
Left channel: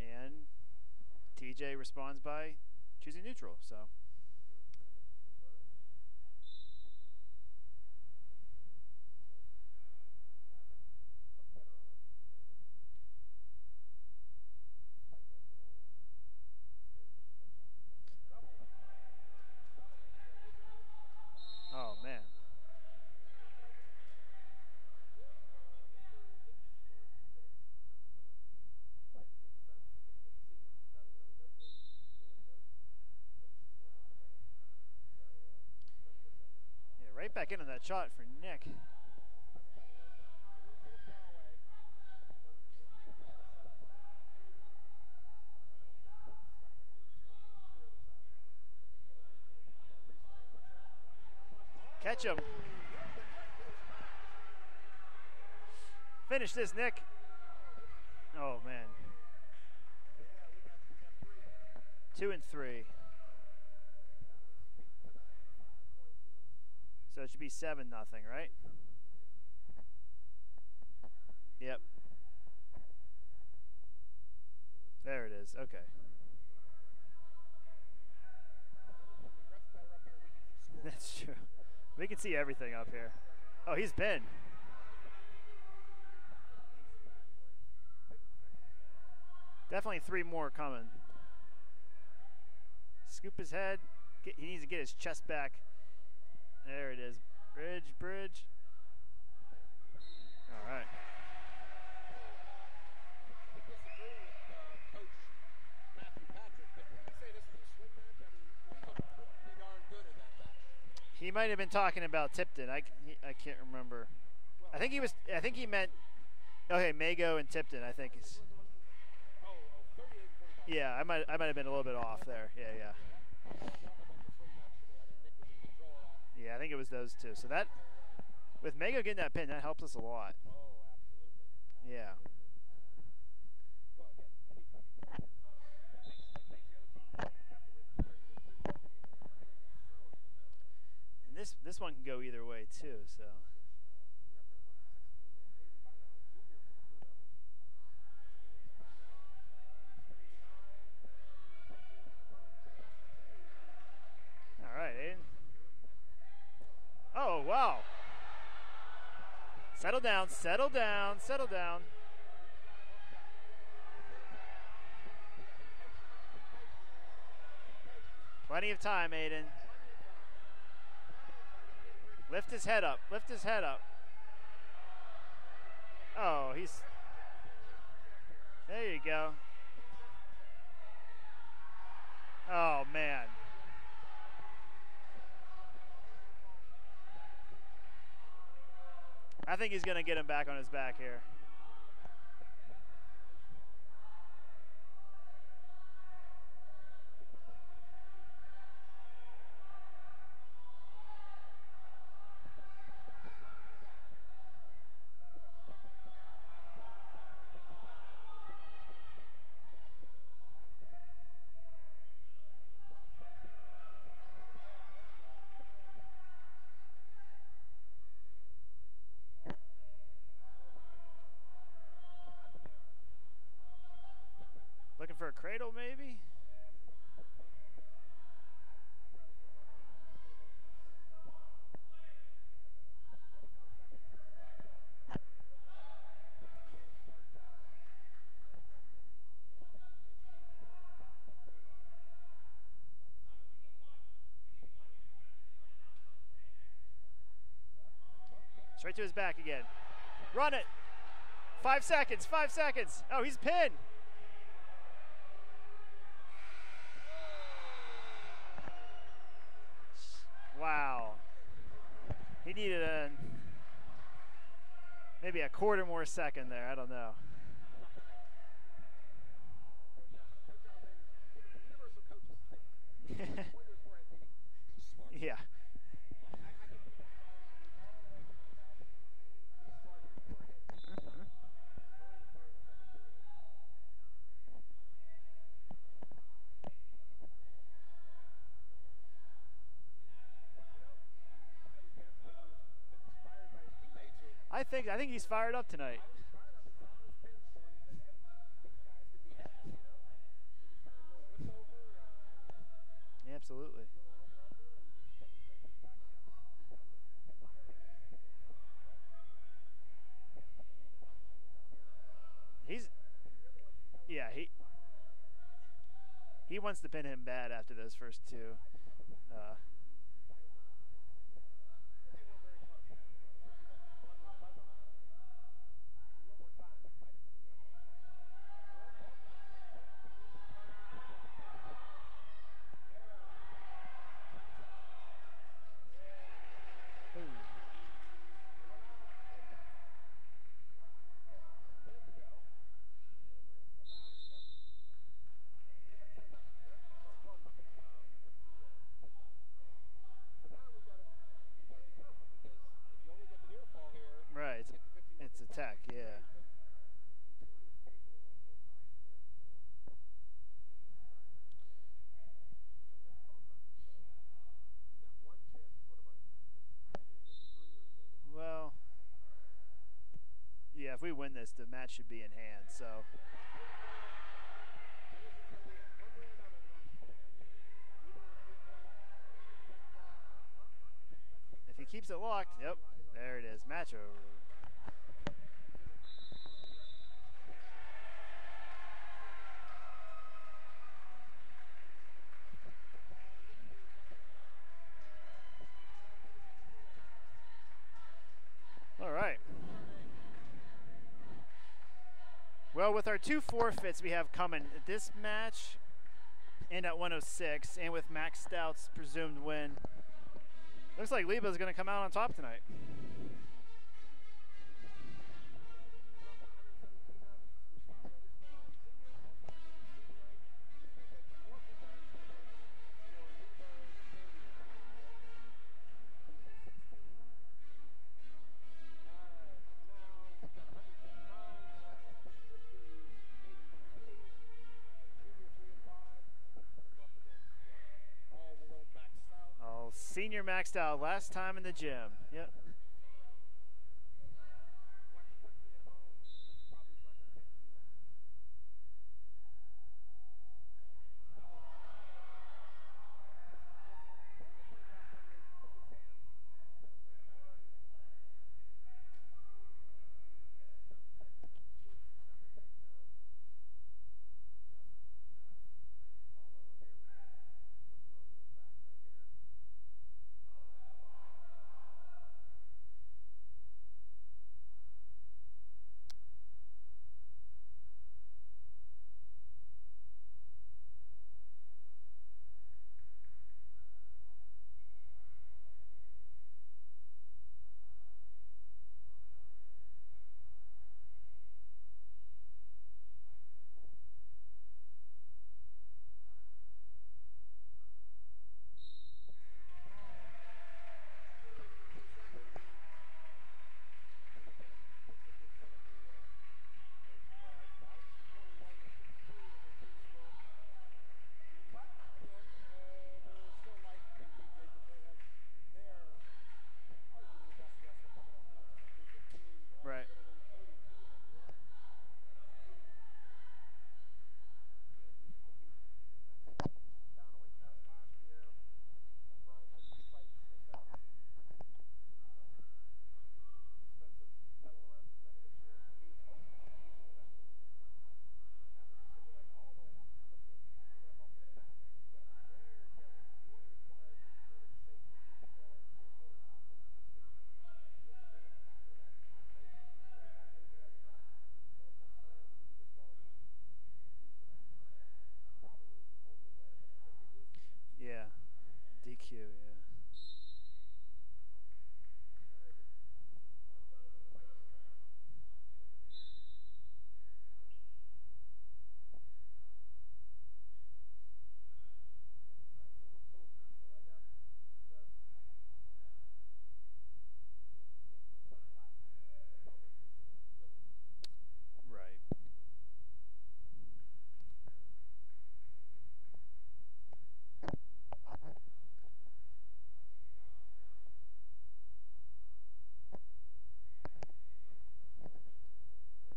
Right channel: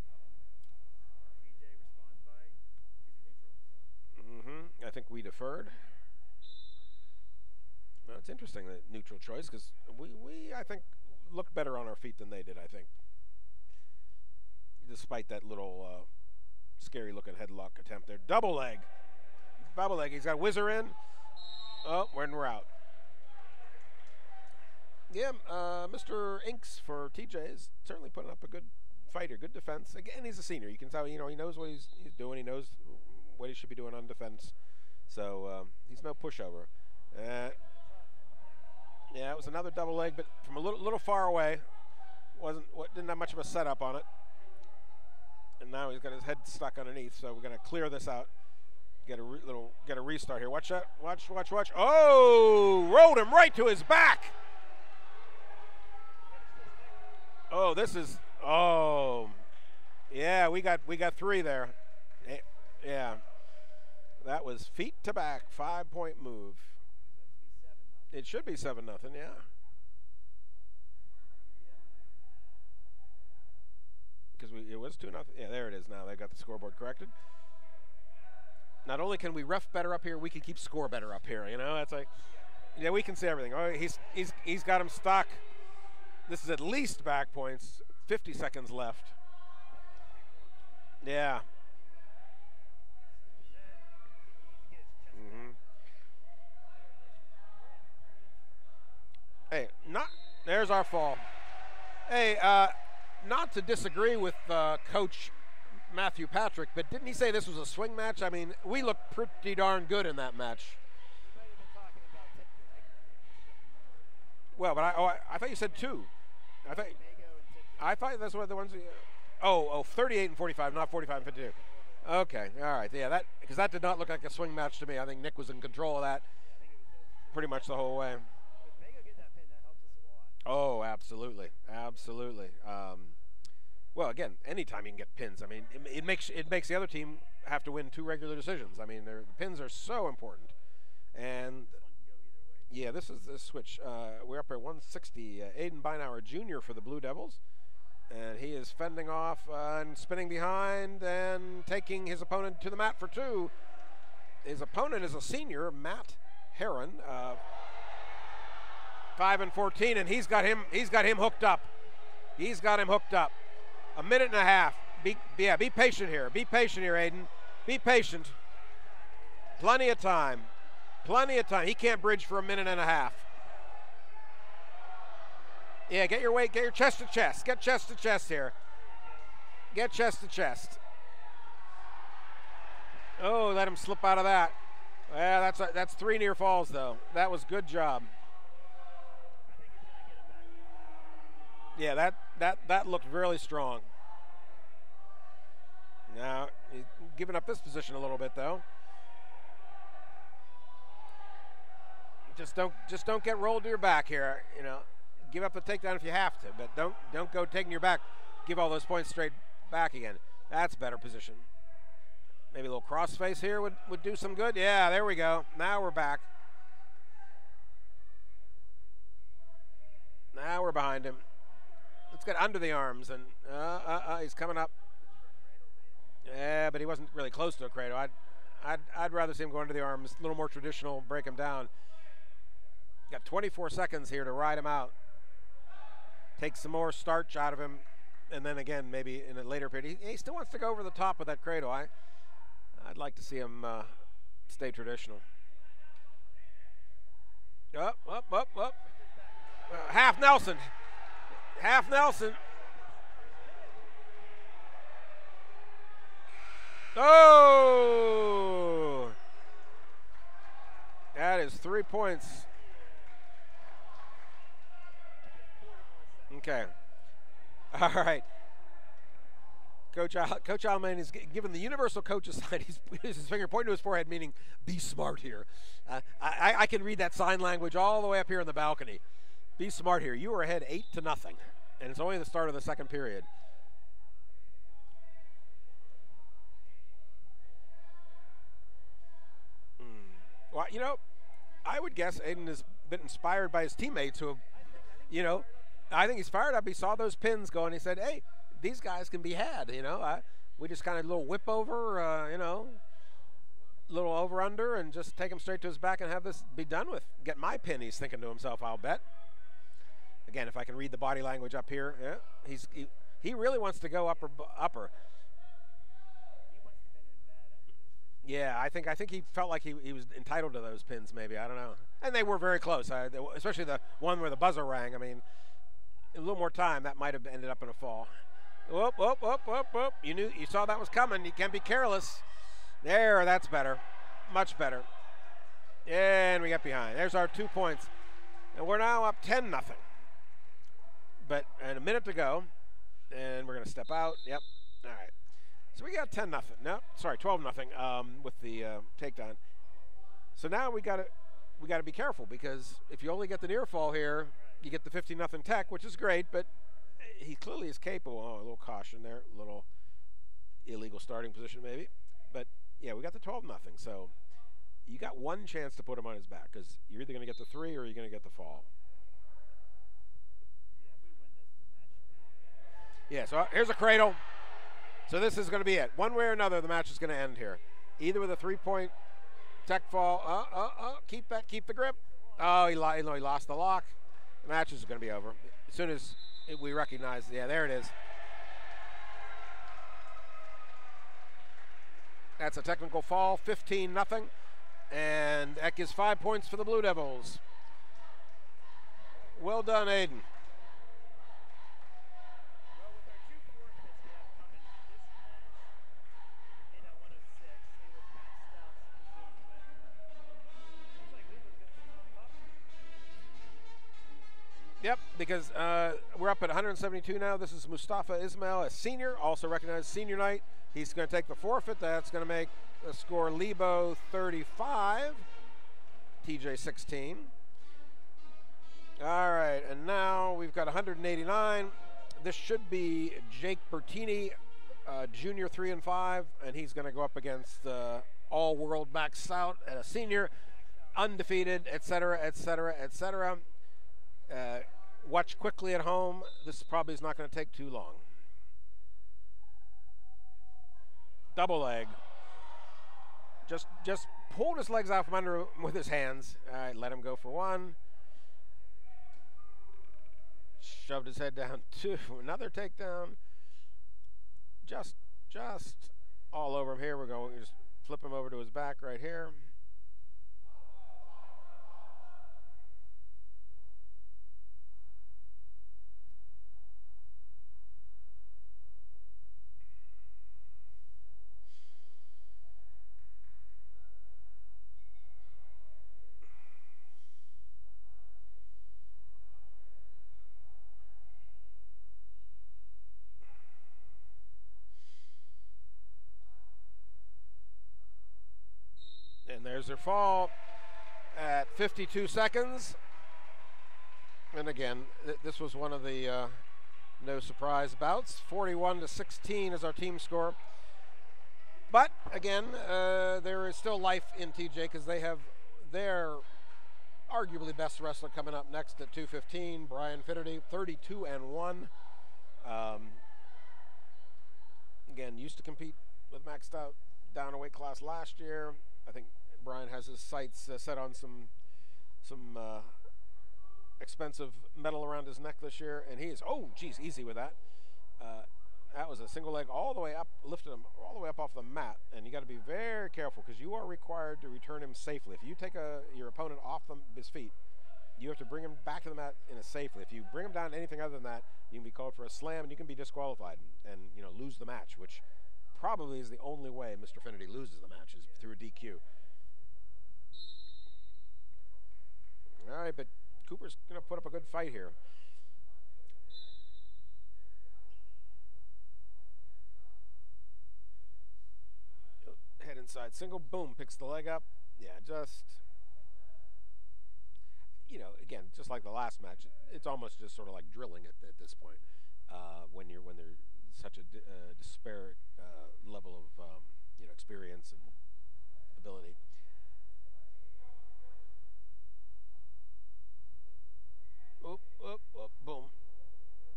And TJ responds by choosing neutral. So. I think we deferred. Well, it's interesting the neutral choice because we I think looked better on our feet than they did. I think, despite that little scary looking headlock attempt there. Double leg. He's got Whizzer in. Oh, we're out. Yeah, Mr. Inks for TJ is certainly putting up a good fight here. Good defense. Again, he's a senior. You can tell, he knows what he's doing. He knows what he should be doing on defense. So he's no pushover. Yeah, right back into that shot for Nick. Yeah, it was another double leg, but from a little far away. Didn't have much of a setup on it. And now he's got his head stuck underneath. So we're going to clear this out. Get a restart here. Watch that. Watch. Oh, rolled him right to his back. Finish this, Nick. Oh, this is. Yeah, we got 3 there. 2 and 3. Yeah, that was feet to back, 5-point move. So it should be 7-0. It should be 7-0. Yeah. Yep. Because it was 2-0. Yeah, there it is. Now they got the scoreboard corrected. Not only can we ref better up here, we can keep score better up here. That's like we can see everything. Yeah, we can see everything. Oh, he's got him stuck. This is at least back points. 50 seconds left. Definitely 3 more coming. Yeah. Scoop his head. He needs to get his chest back. There it is. Bridge. Hey, there's our fall. Hey, not to disagree with Coach Matthew Patrick, but didn't he say this was a swing match? I mean, we looked pretty darn good in that match. He might have been talking about Tipton. I can't remember. Well, but I think he said 2. Okay, Mago and Tipton. I thought that's what the ones. 38 and 45, yeah, not 45. I might have been a little bit off. Okay, there. all right. Yeah, because that did not look like a swing match to me. I think Nick was in control of that. Yeah, I think it was those 2. Pretty much the whole way. With Mago getting that pin, that helps us a lot. Oh, absolutely. Yeah. Well, again, anytime you can get pins, I mean, it makes the other team have to win 2 regular decisions. I mean, their pins are so important. And this one can go either way, too. Yeah, this is the switch. We're up at 160. Aiden Beinauer Jr. for the Blue Devils. And he is fending off and spinning behind and taking his opponent to the mat for 2. His opponent is a senior, Matt Heron. Oh, wow. 5 and 14, Settle and down, he's got him hooked up. Down. He's got him hooked up. 1.5 minutes. Be patient here. Be patient here, Aiden. Be patient. Plenty of time, Aiden. Plenty of time. He can't bridge for 1.5 minutes. Lift his head up. Yeah, get your weight. Get your chest to chest. Get chest to chest here. There you go. Get chest to chest. Oh man. Oh, let him slip out of that. Yeah, that's 3 near falls though. That was good job. I think he's gonna get him back on his back here. Yeah, that looked really strong. Now he's giving up this position a little bit though. Just don't get rolled to your back here. Give up the takedown if you have to, but don't go taking your back. Give all those points straight back again. That's better position. Maybe a little crossface here would do some good. Yeah, there we go. Now we're back. Now we're behind him. Let's get under the arms, and he's coming up. Looking for a cradle, maybe? Yeah, but he wasn't really close to a cradle. I'd rather see him go under the arms, a little more traditional, break him down. Got 24 seconds here to ride him out. Take some more starch out of him, and then again, maybe in a later period. He still wants to go over the top with that cradle. I'd like to see him stay traditional. Up. Straight to his back again. Half Nelson. Half 5 seconds, Nelson. 5 seconds. Oh, he's pinned. Oh! points. He needed maybe a quarter more second there. I don't know. All right. Coach Alman is given the universal coach's sign. He's his finger pointing to his forehead, meaning be smart here. I can read that sign language all the way up here in the balcony. Be smart here. You are ahead 8-0, and it's only the start of the second period. Well, you know, I would guess Aiden has been inspired by his teammates who have. I think he's fired up tonight. I think he's fired up. He saw those pins go, and he said, "Hey, these guys can be had." You know, we just kind of a little whip over. You know. Absolutely. Little over under and just take him straight to his back and have this be done with. Get my pin, he's thinking to himself, I'll bet. Again, if I can read the body language up here, he really wants to go upper. He wants to pin him bad after those first two. Yeah, I think he felt like he was entitled to those pins, maybe. I don't know. And they were very close, especially the one where the buzzer rang. I mean, a little more time, that might have ended up in a fall. Whoop, whoop, whoop, whoop, whoop. You saw that was coming. You can't be careless. There, that's better. Much better. And we got behind. There's our 2 points. And we're now up 10-0. But and a minute to go. And we're going to step out. Yep. All right. So we got 10-0. No, sorry, 12-0 with the takedown. So now we got to be careful because if you only get the near fall here, you get the 15-0 tech, which is great, but he clearly is capable. Oh, a little caution there, a little illegal starting position maybe. But yeah, we got the 12-0. So you got one chance to put him on his back because you're either going to get the 3 or you're going to get the fall. Well, yeah, if we win this, the match should be in hand. So yeah, so here's a cradle. So this is going to be it. One way or another, the match is going to end here. Either with a 3-point tech fall. Keep the grip. He keeps it locked. Oh, he lost the lock. The match is going to be over. As soon as we recognize, yeah, there it is. That's a technical fall, 15-0. And that gives 5 points for the Blue Devils. All right. Well done, Aiden. Well, with our 2 forfeits we have coming, this match and at 106, and with Max Stout's presumed win, looks like Lebo's going to come out on top tonight. Yep, because we're up at 172 now. This is Mustafa Ismail, a senior, also recognized senior night. He's going to take the forfeit. That's going to make the score Lebo 35, TJ 16. All right, and now we've got 189. This should be Jake Bertini, junior 3 and 5, and he's going to go up against all-world Max Stout, a senior Max Stout, undefeated, etc., etc., etc. Watch quickly at home. This probably is not going to take too long. Double leg. Just pulled his legs out from under him with his hands. All right, let him go for 1. Shoved his head down 2. Another takedown. Just all over him. Here we go. We just flip him over to his back right here. There's their fall at 52 seconds. And again, this was one of the no surprise bouts. 41-16 is our team score. But again, there is still life in TJ because they have their arguably best wrestler coming up next at 215, Brian Finnerty, 32 and 1. Again, used to compete with Max Stout down a weight class last year. I think Brian has his sights set on some expensive metal around his neck this year, and he is, easy with that. That was a single leg all the way up, lifted him all the way up off the mat, and you got to be very careful because you are required to return him safely. If you take your opponent off his feet, you have to bring him back to the mat in a safely. If you bring him down to anything other than that, you can be called for a slam and you can be disqualified and lose the match, which probably is the only way Mr. Finnerty loses the match is through DQ. DQ, yeah. good fight here. Head inside, single, boom, picks the leg up. Yeah, just, you know, again, just like the last match, it's almost just sort of like drilling at this point. Right. When there's such a disparate level of you know, experience and ability. Oop, oop, oop, boom.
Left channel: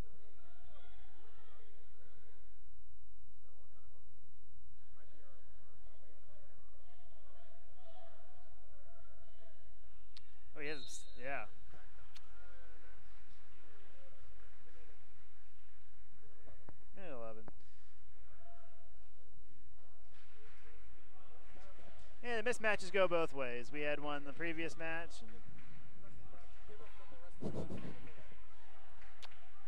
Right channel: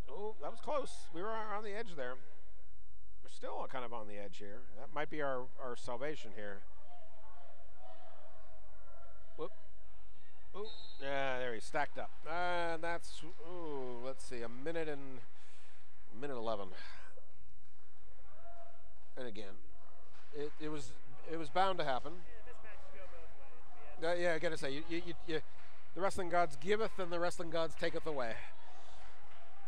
Oh, that was close. We were on the edge there. We're still kind of on the edge here. That might be our salvation here. Whoop. Oh, Yeah, there he stacked up. And that's, ooh, let's see, a minute 11. Minute 11. And again, it was bound to happen. Yeah, the mismatches go both ways. We had one Yeah, I gotta say, the wrestling gods giveth and the wrestling gods taketh away.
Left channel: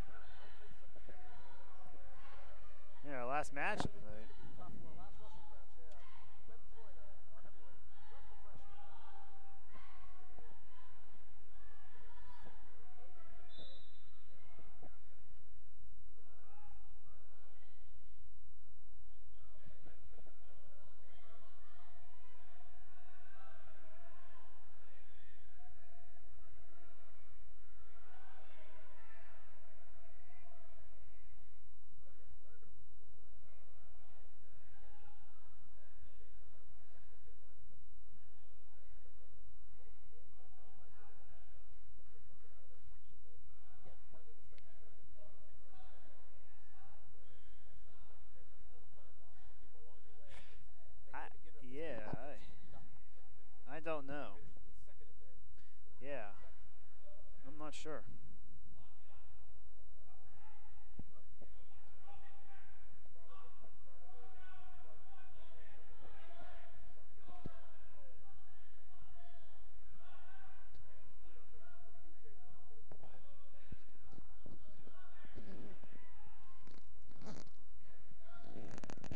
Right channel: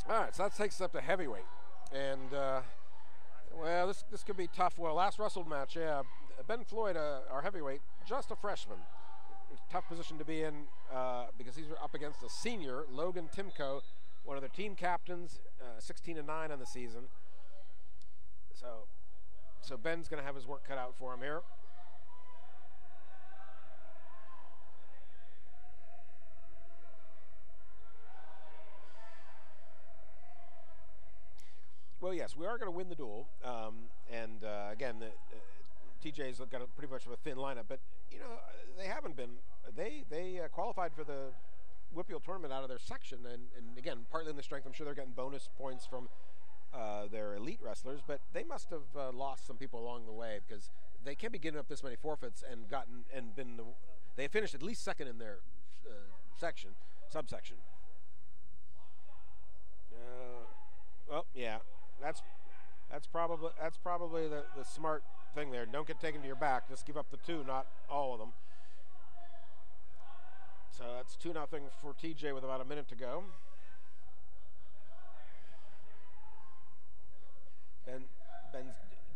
All right, so that takes us up to heavyweight. And yeah, last match. yeah, this could be tough. Well, last wrestled match, yeah. Ben Floyd, our heavyweight, just a freshman. Tough position to be in because he's up against a senior, Logan Timko, one of their team captains, 16-9 on the season. So Ben's going to have his work cut out for him here. Well, yes, we are going to win the duel. And again, TJ's got pretty much of a thin lineup, but you know they haven't been. They qualified for the Whippeal tournament out of their section, and again, partly in the strength. I'm sure they're getting bonus points from their elite wrestlers, but they must have lost some people along the way because they can't be giving up this many forfeits and been. I don't know. They finished at least second in their subsection. I'm not sure. Well, yeah, that's probably the smart thing there. Don't get taken to your back. Just give up the two, not all of them. So that's 2-0 for TJ with about a minute to go. Ben's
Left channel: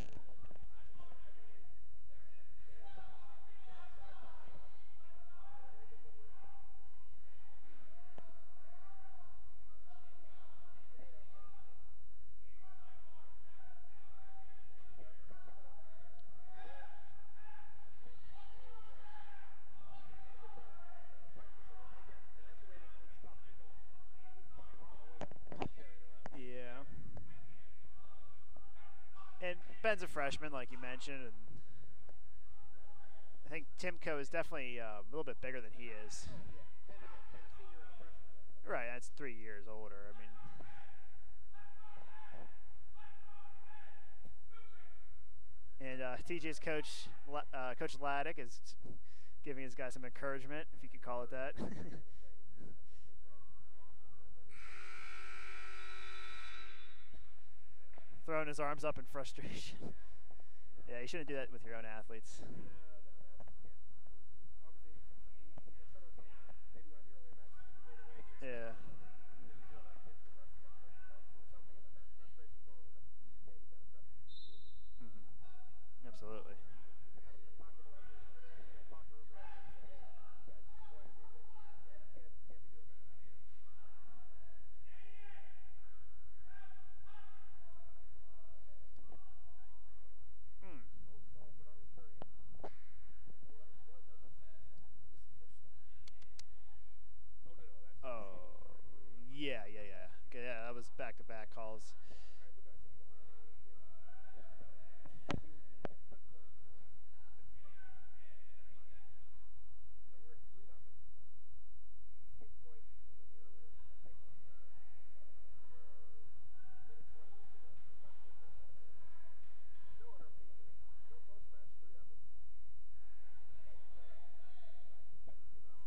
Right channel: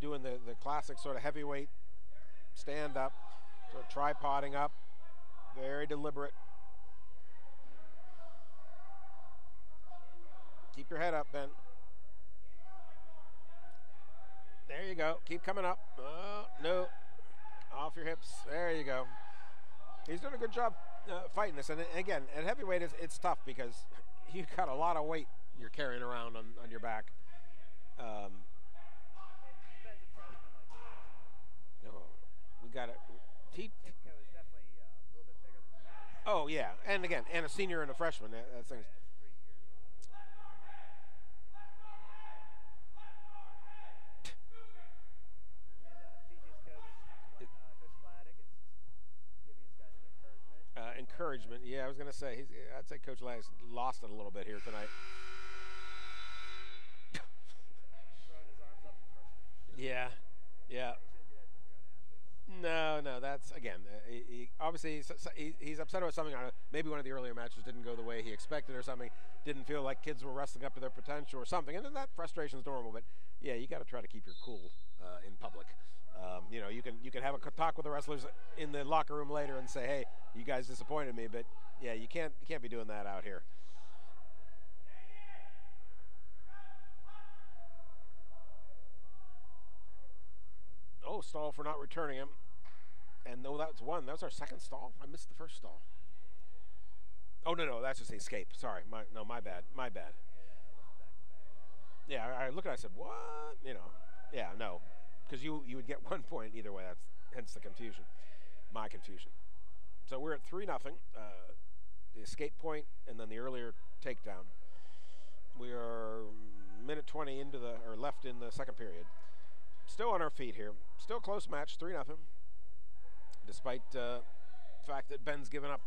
doing the classic sort of heavyweight stand up, sort of tripoding up, very deliberate. Keep your head up, Ben. There you go. Keep coming up. Oh, no. Off your hips. There you go. He's doing a good job fighting this. And again, at heavyweight, it's tough because you've got a lot of weight you're carrying around on your back. And Ben's a freshman, like you mentioned. And we got it. I think Timko is definitely a little bit bigger than he is. Oh, yeah. And again, and a senior and a freshman. That's right, that's 3 years older. I mean, and TJ's coach, Coach Laddick, is giving his guys some encouragement. Encouragement, yeah. I was going to say, I'd say Coach Laddick's lost it a little bit here tonight. Throwing his arms up in frustration. Yeah. Yeah, you shouldn't do that with your own athletes. No, that's, again, obviously he's upset about something. Maybe one of the earlier matches didn't go the way he expected or something. Didn't feel like kids were wrestling up to their potential or something. And then that frustration is normal. But, yeah, you got to try to keep your cool in public. Absolutely. You know, you can have a talk with the wrestlers in the locker room later and say, hey, you guys disappointed me. But, yeah, you can't be doing that out here. Oh, stall for not returning him. And no, that was one. That was our second stall. I missed the first stall. Oh, no, that's just the escape. Sorry. My bad. My bad. Okay, yeah, that was back-to-back calls. Yeah, I looked at it, I said, what? You know, yeah, no. Because you would get 1 point either way. That's hence the confusion. My confusion. So we're at 3-0. The escape point and then the earlier takedown. We are minute 20 left in the second period. Still on our feet here. Still close match, 3-0. Despite the fact that Ben's given up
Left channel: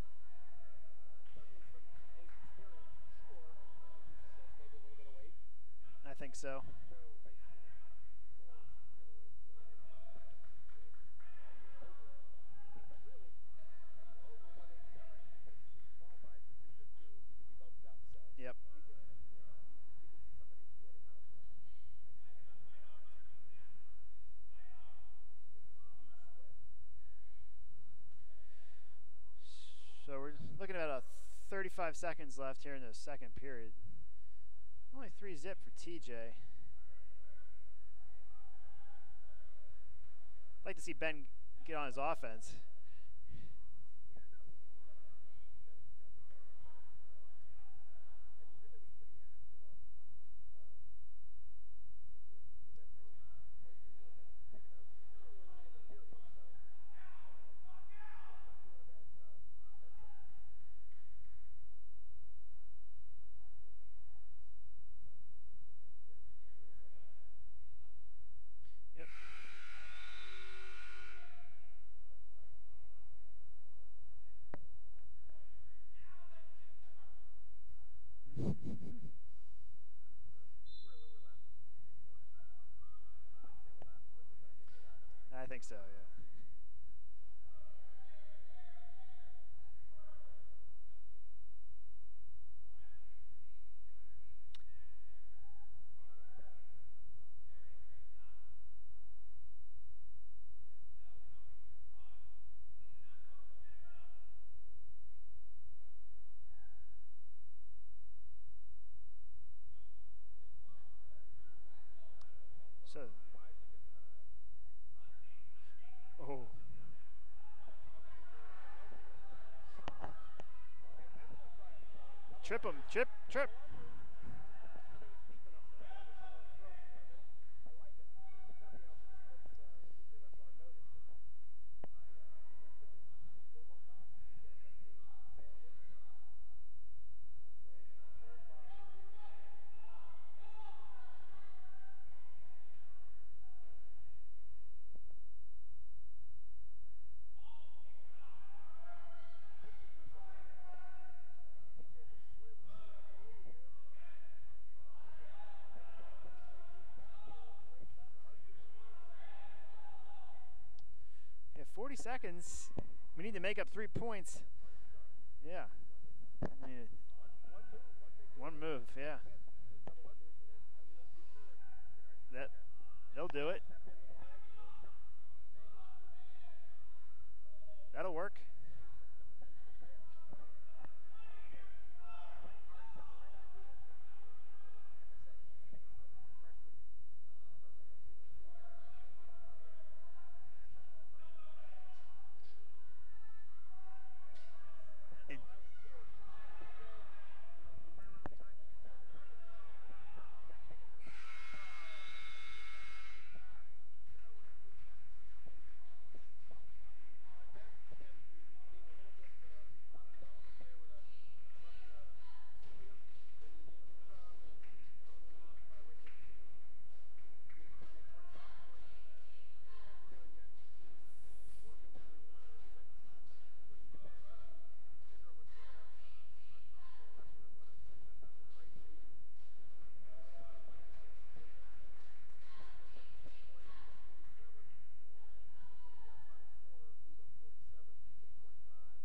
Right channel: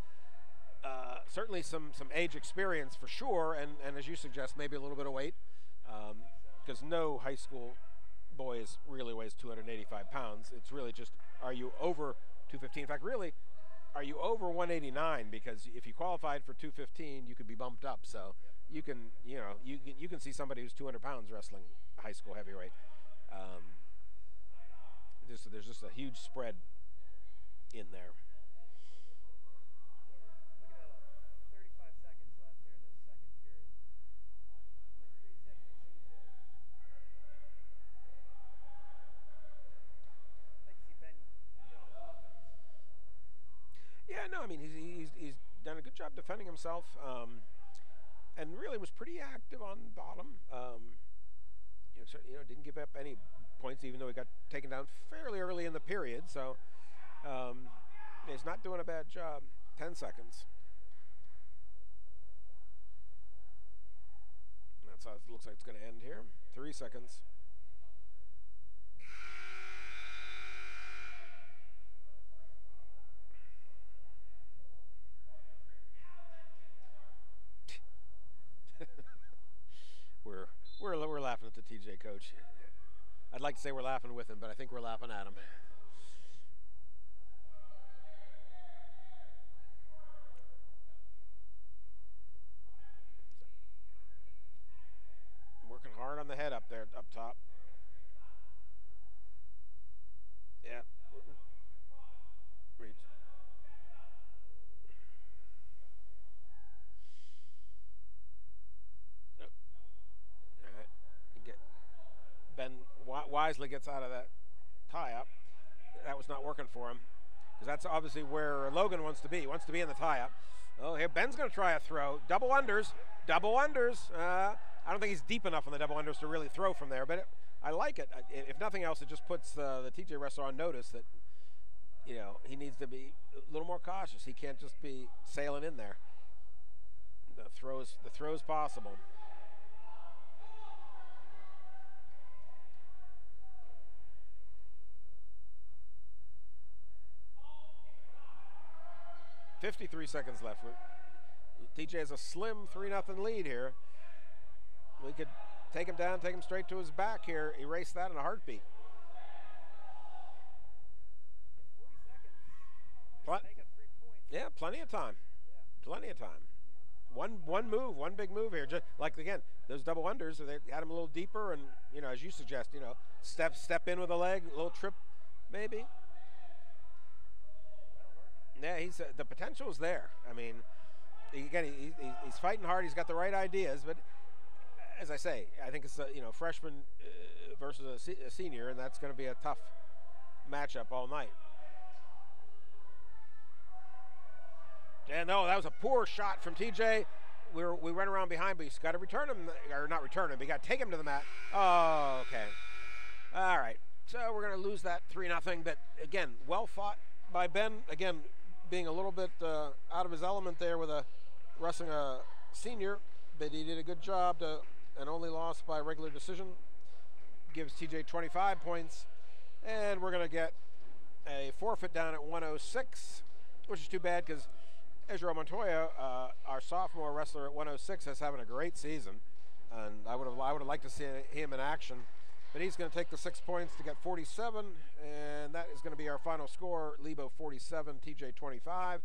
certainly some age experience for sure, and as you suggest, maybe a little bit of weight. I think so. Because no high school boy really weighs 285 pounds. It's really just, are you over 215? In fact, really, are you over 189? Because if you qualified for 215, you could be bumped up. So you can see somebody who's 200 pounds wrestling high school heavyweight. There's just a huge spread in there. So we're looking at a 35 35 seconds left here in the second period. Only 3-zip for TJ. I'd like to see Ben get on his offense. Yeah, no, I mean, he's done a good job defending himself, and really was pretty active on bottom. Didn't give up any points, even though he got taken down fairly early in the period. So he's not doing a bad job. 10 seconds. That's how it looks like it's going to end here. 3 seconds. Yep. We're laughing at the TJ coach. I'd like to say we're laughing with him, but I think we're laughing at him. I think so, yeah. Working hard on the head up there, up top. Yeah. Reach. Yep. All right. Ben wisely gets out of that tie-up. That was not working for him, because that's obviously where Logan wants to be. He wants to be in the tie-up. Oh, here Ben's going to try a throw. Double unders. Double unders. I don't think he's deep enough on the double unders to really throw from there, but I like it. If nothing else, it just puts the TJ wrestler on notice that, he needs to be a little more cautious. He can't just be sailing in there. The throw's possible. .53 seconds left. TJ has a slim 3-0 lead here. We could take him down, take him straight to his back here, erase that in a heartbeat. Yeah, 40 seconds. We need to make up 3 points. Yeah, plenty of time. Yeah. Plenty of time. One move, one big move here. Like, again, those double unders, they had him a little deeper, and, as you suggest, step in with a leg, a little trip maybe. That'll work. Yeah, the potential is there. I mean, again, he's fighting hard. He's got the right ideas, but as I say, I think it's freshman versus a senior, and that's going to be a tough matchup all night. Yeah, no, that was a poor shot from TJ. We went around behind, but he's got to return him, or not return him, but you got to take him to the mat. Oh, okay. All right. So we're going to lose that 3-0, but again, well fought by Ben. Again, being a little bit out of his element there with wrestling a senior, but he did a good job and only lost by regular decision. Gives TJ 25 points, and we're going to get a forfeit down at 106, which is too bad because Ezra Montoya, our sophomore wrestler at 106, is having a great season, and I would have liked to see him in action. But he's going to take the 6 points to get 47, and that is going to be our final score. Lebo 47, TJ 25. Yep.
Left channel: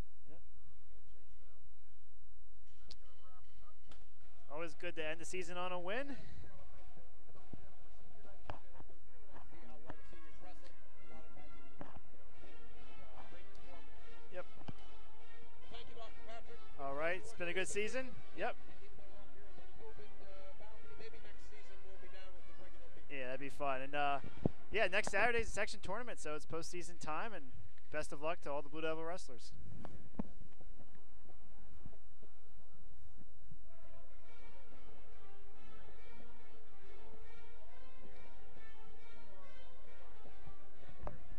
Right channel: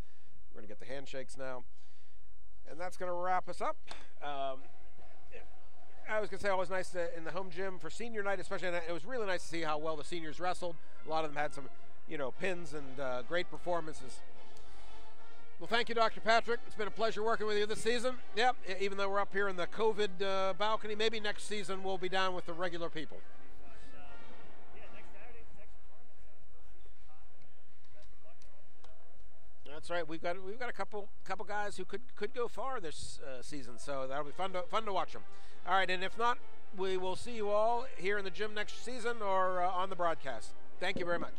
We're going to get the handshakes now. And that's going to wrap us up. Always good to end the season on a win. I was going to say, always nice in the home gym for senior night, especially. And it was really nice to see how well the seniors wrestled. A lot of them had some, pins and great performances. Yep. Well, thank you, Dr. Patrick. It's been a pleasure working with you this season. Yep. Even though we're up here in the COVID balcony, maybe next season we'll be down with the regular people. Yeah, that'd be fun. And next Saturday's a section tournament, so it's postseason time. And best of luck to all the Blue Devil wrestlers. That's right. We've got a couple guys who could go far this season, so that'll be fun to watch them. All right, and if not, we will see you all here in the gym next season or on the broadcast. Thank you very much.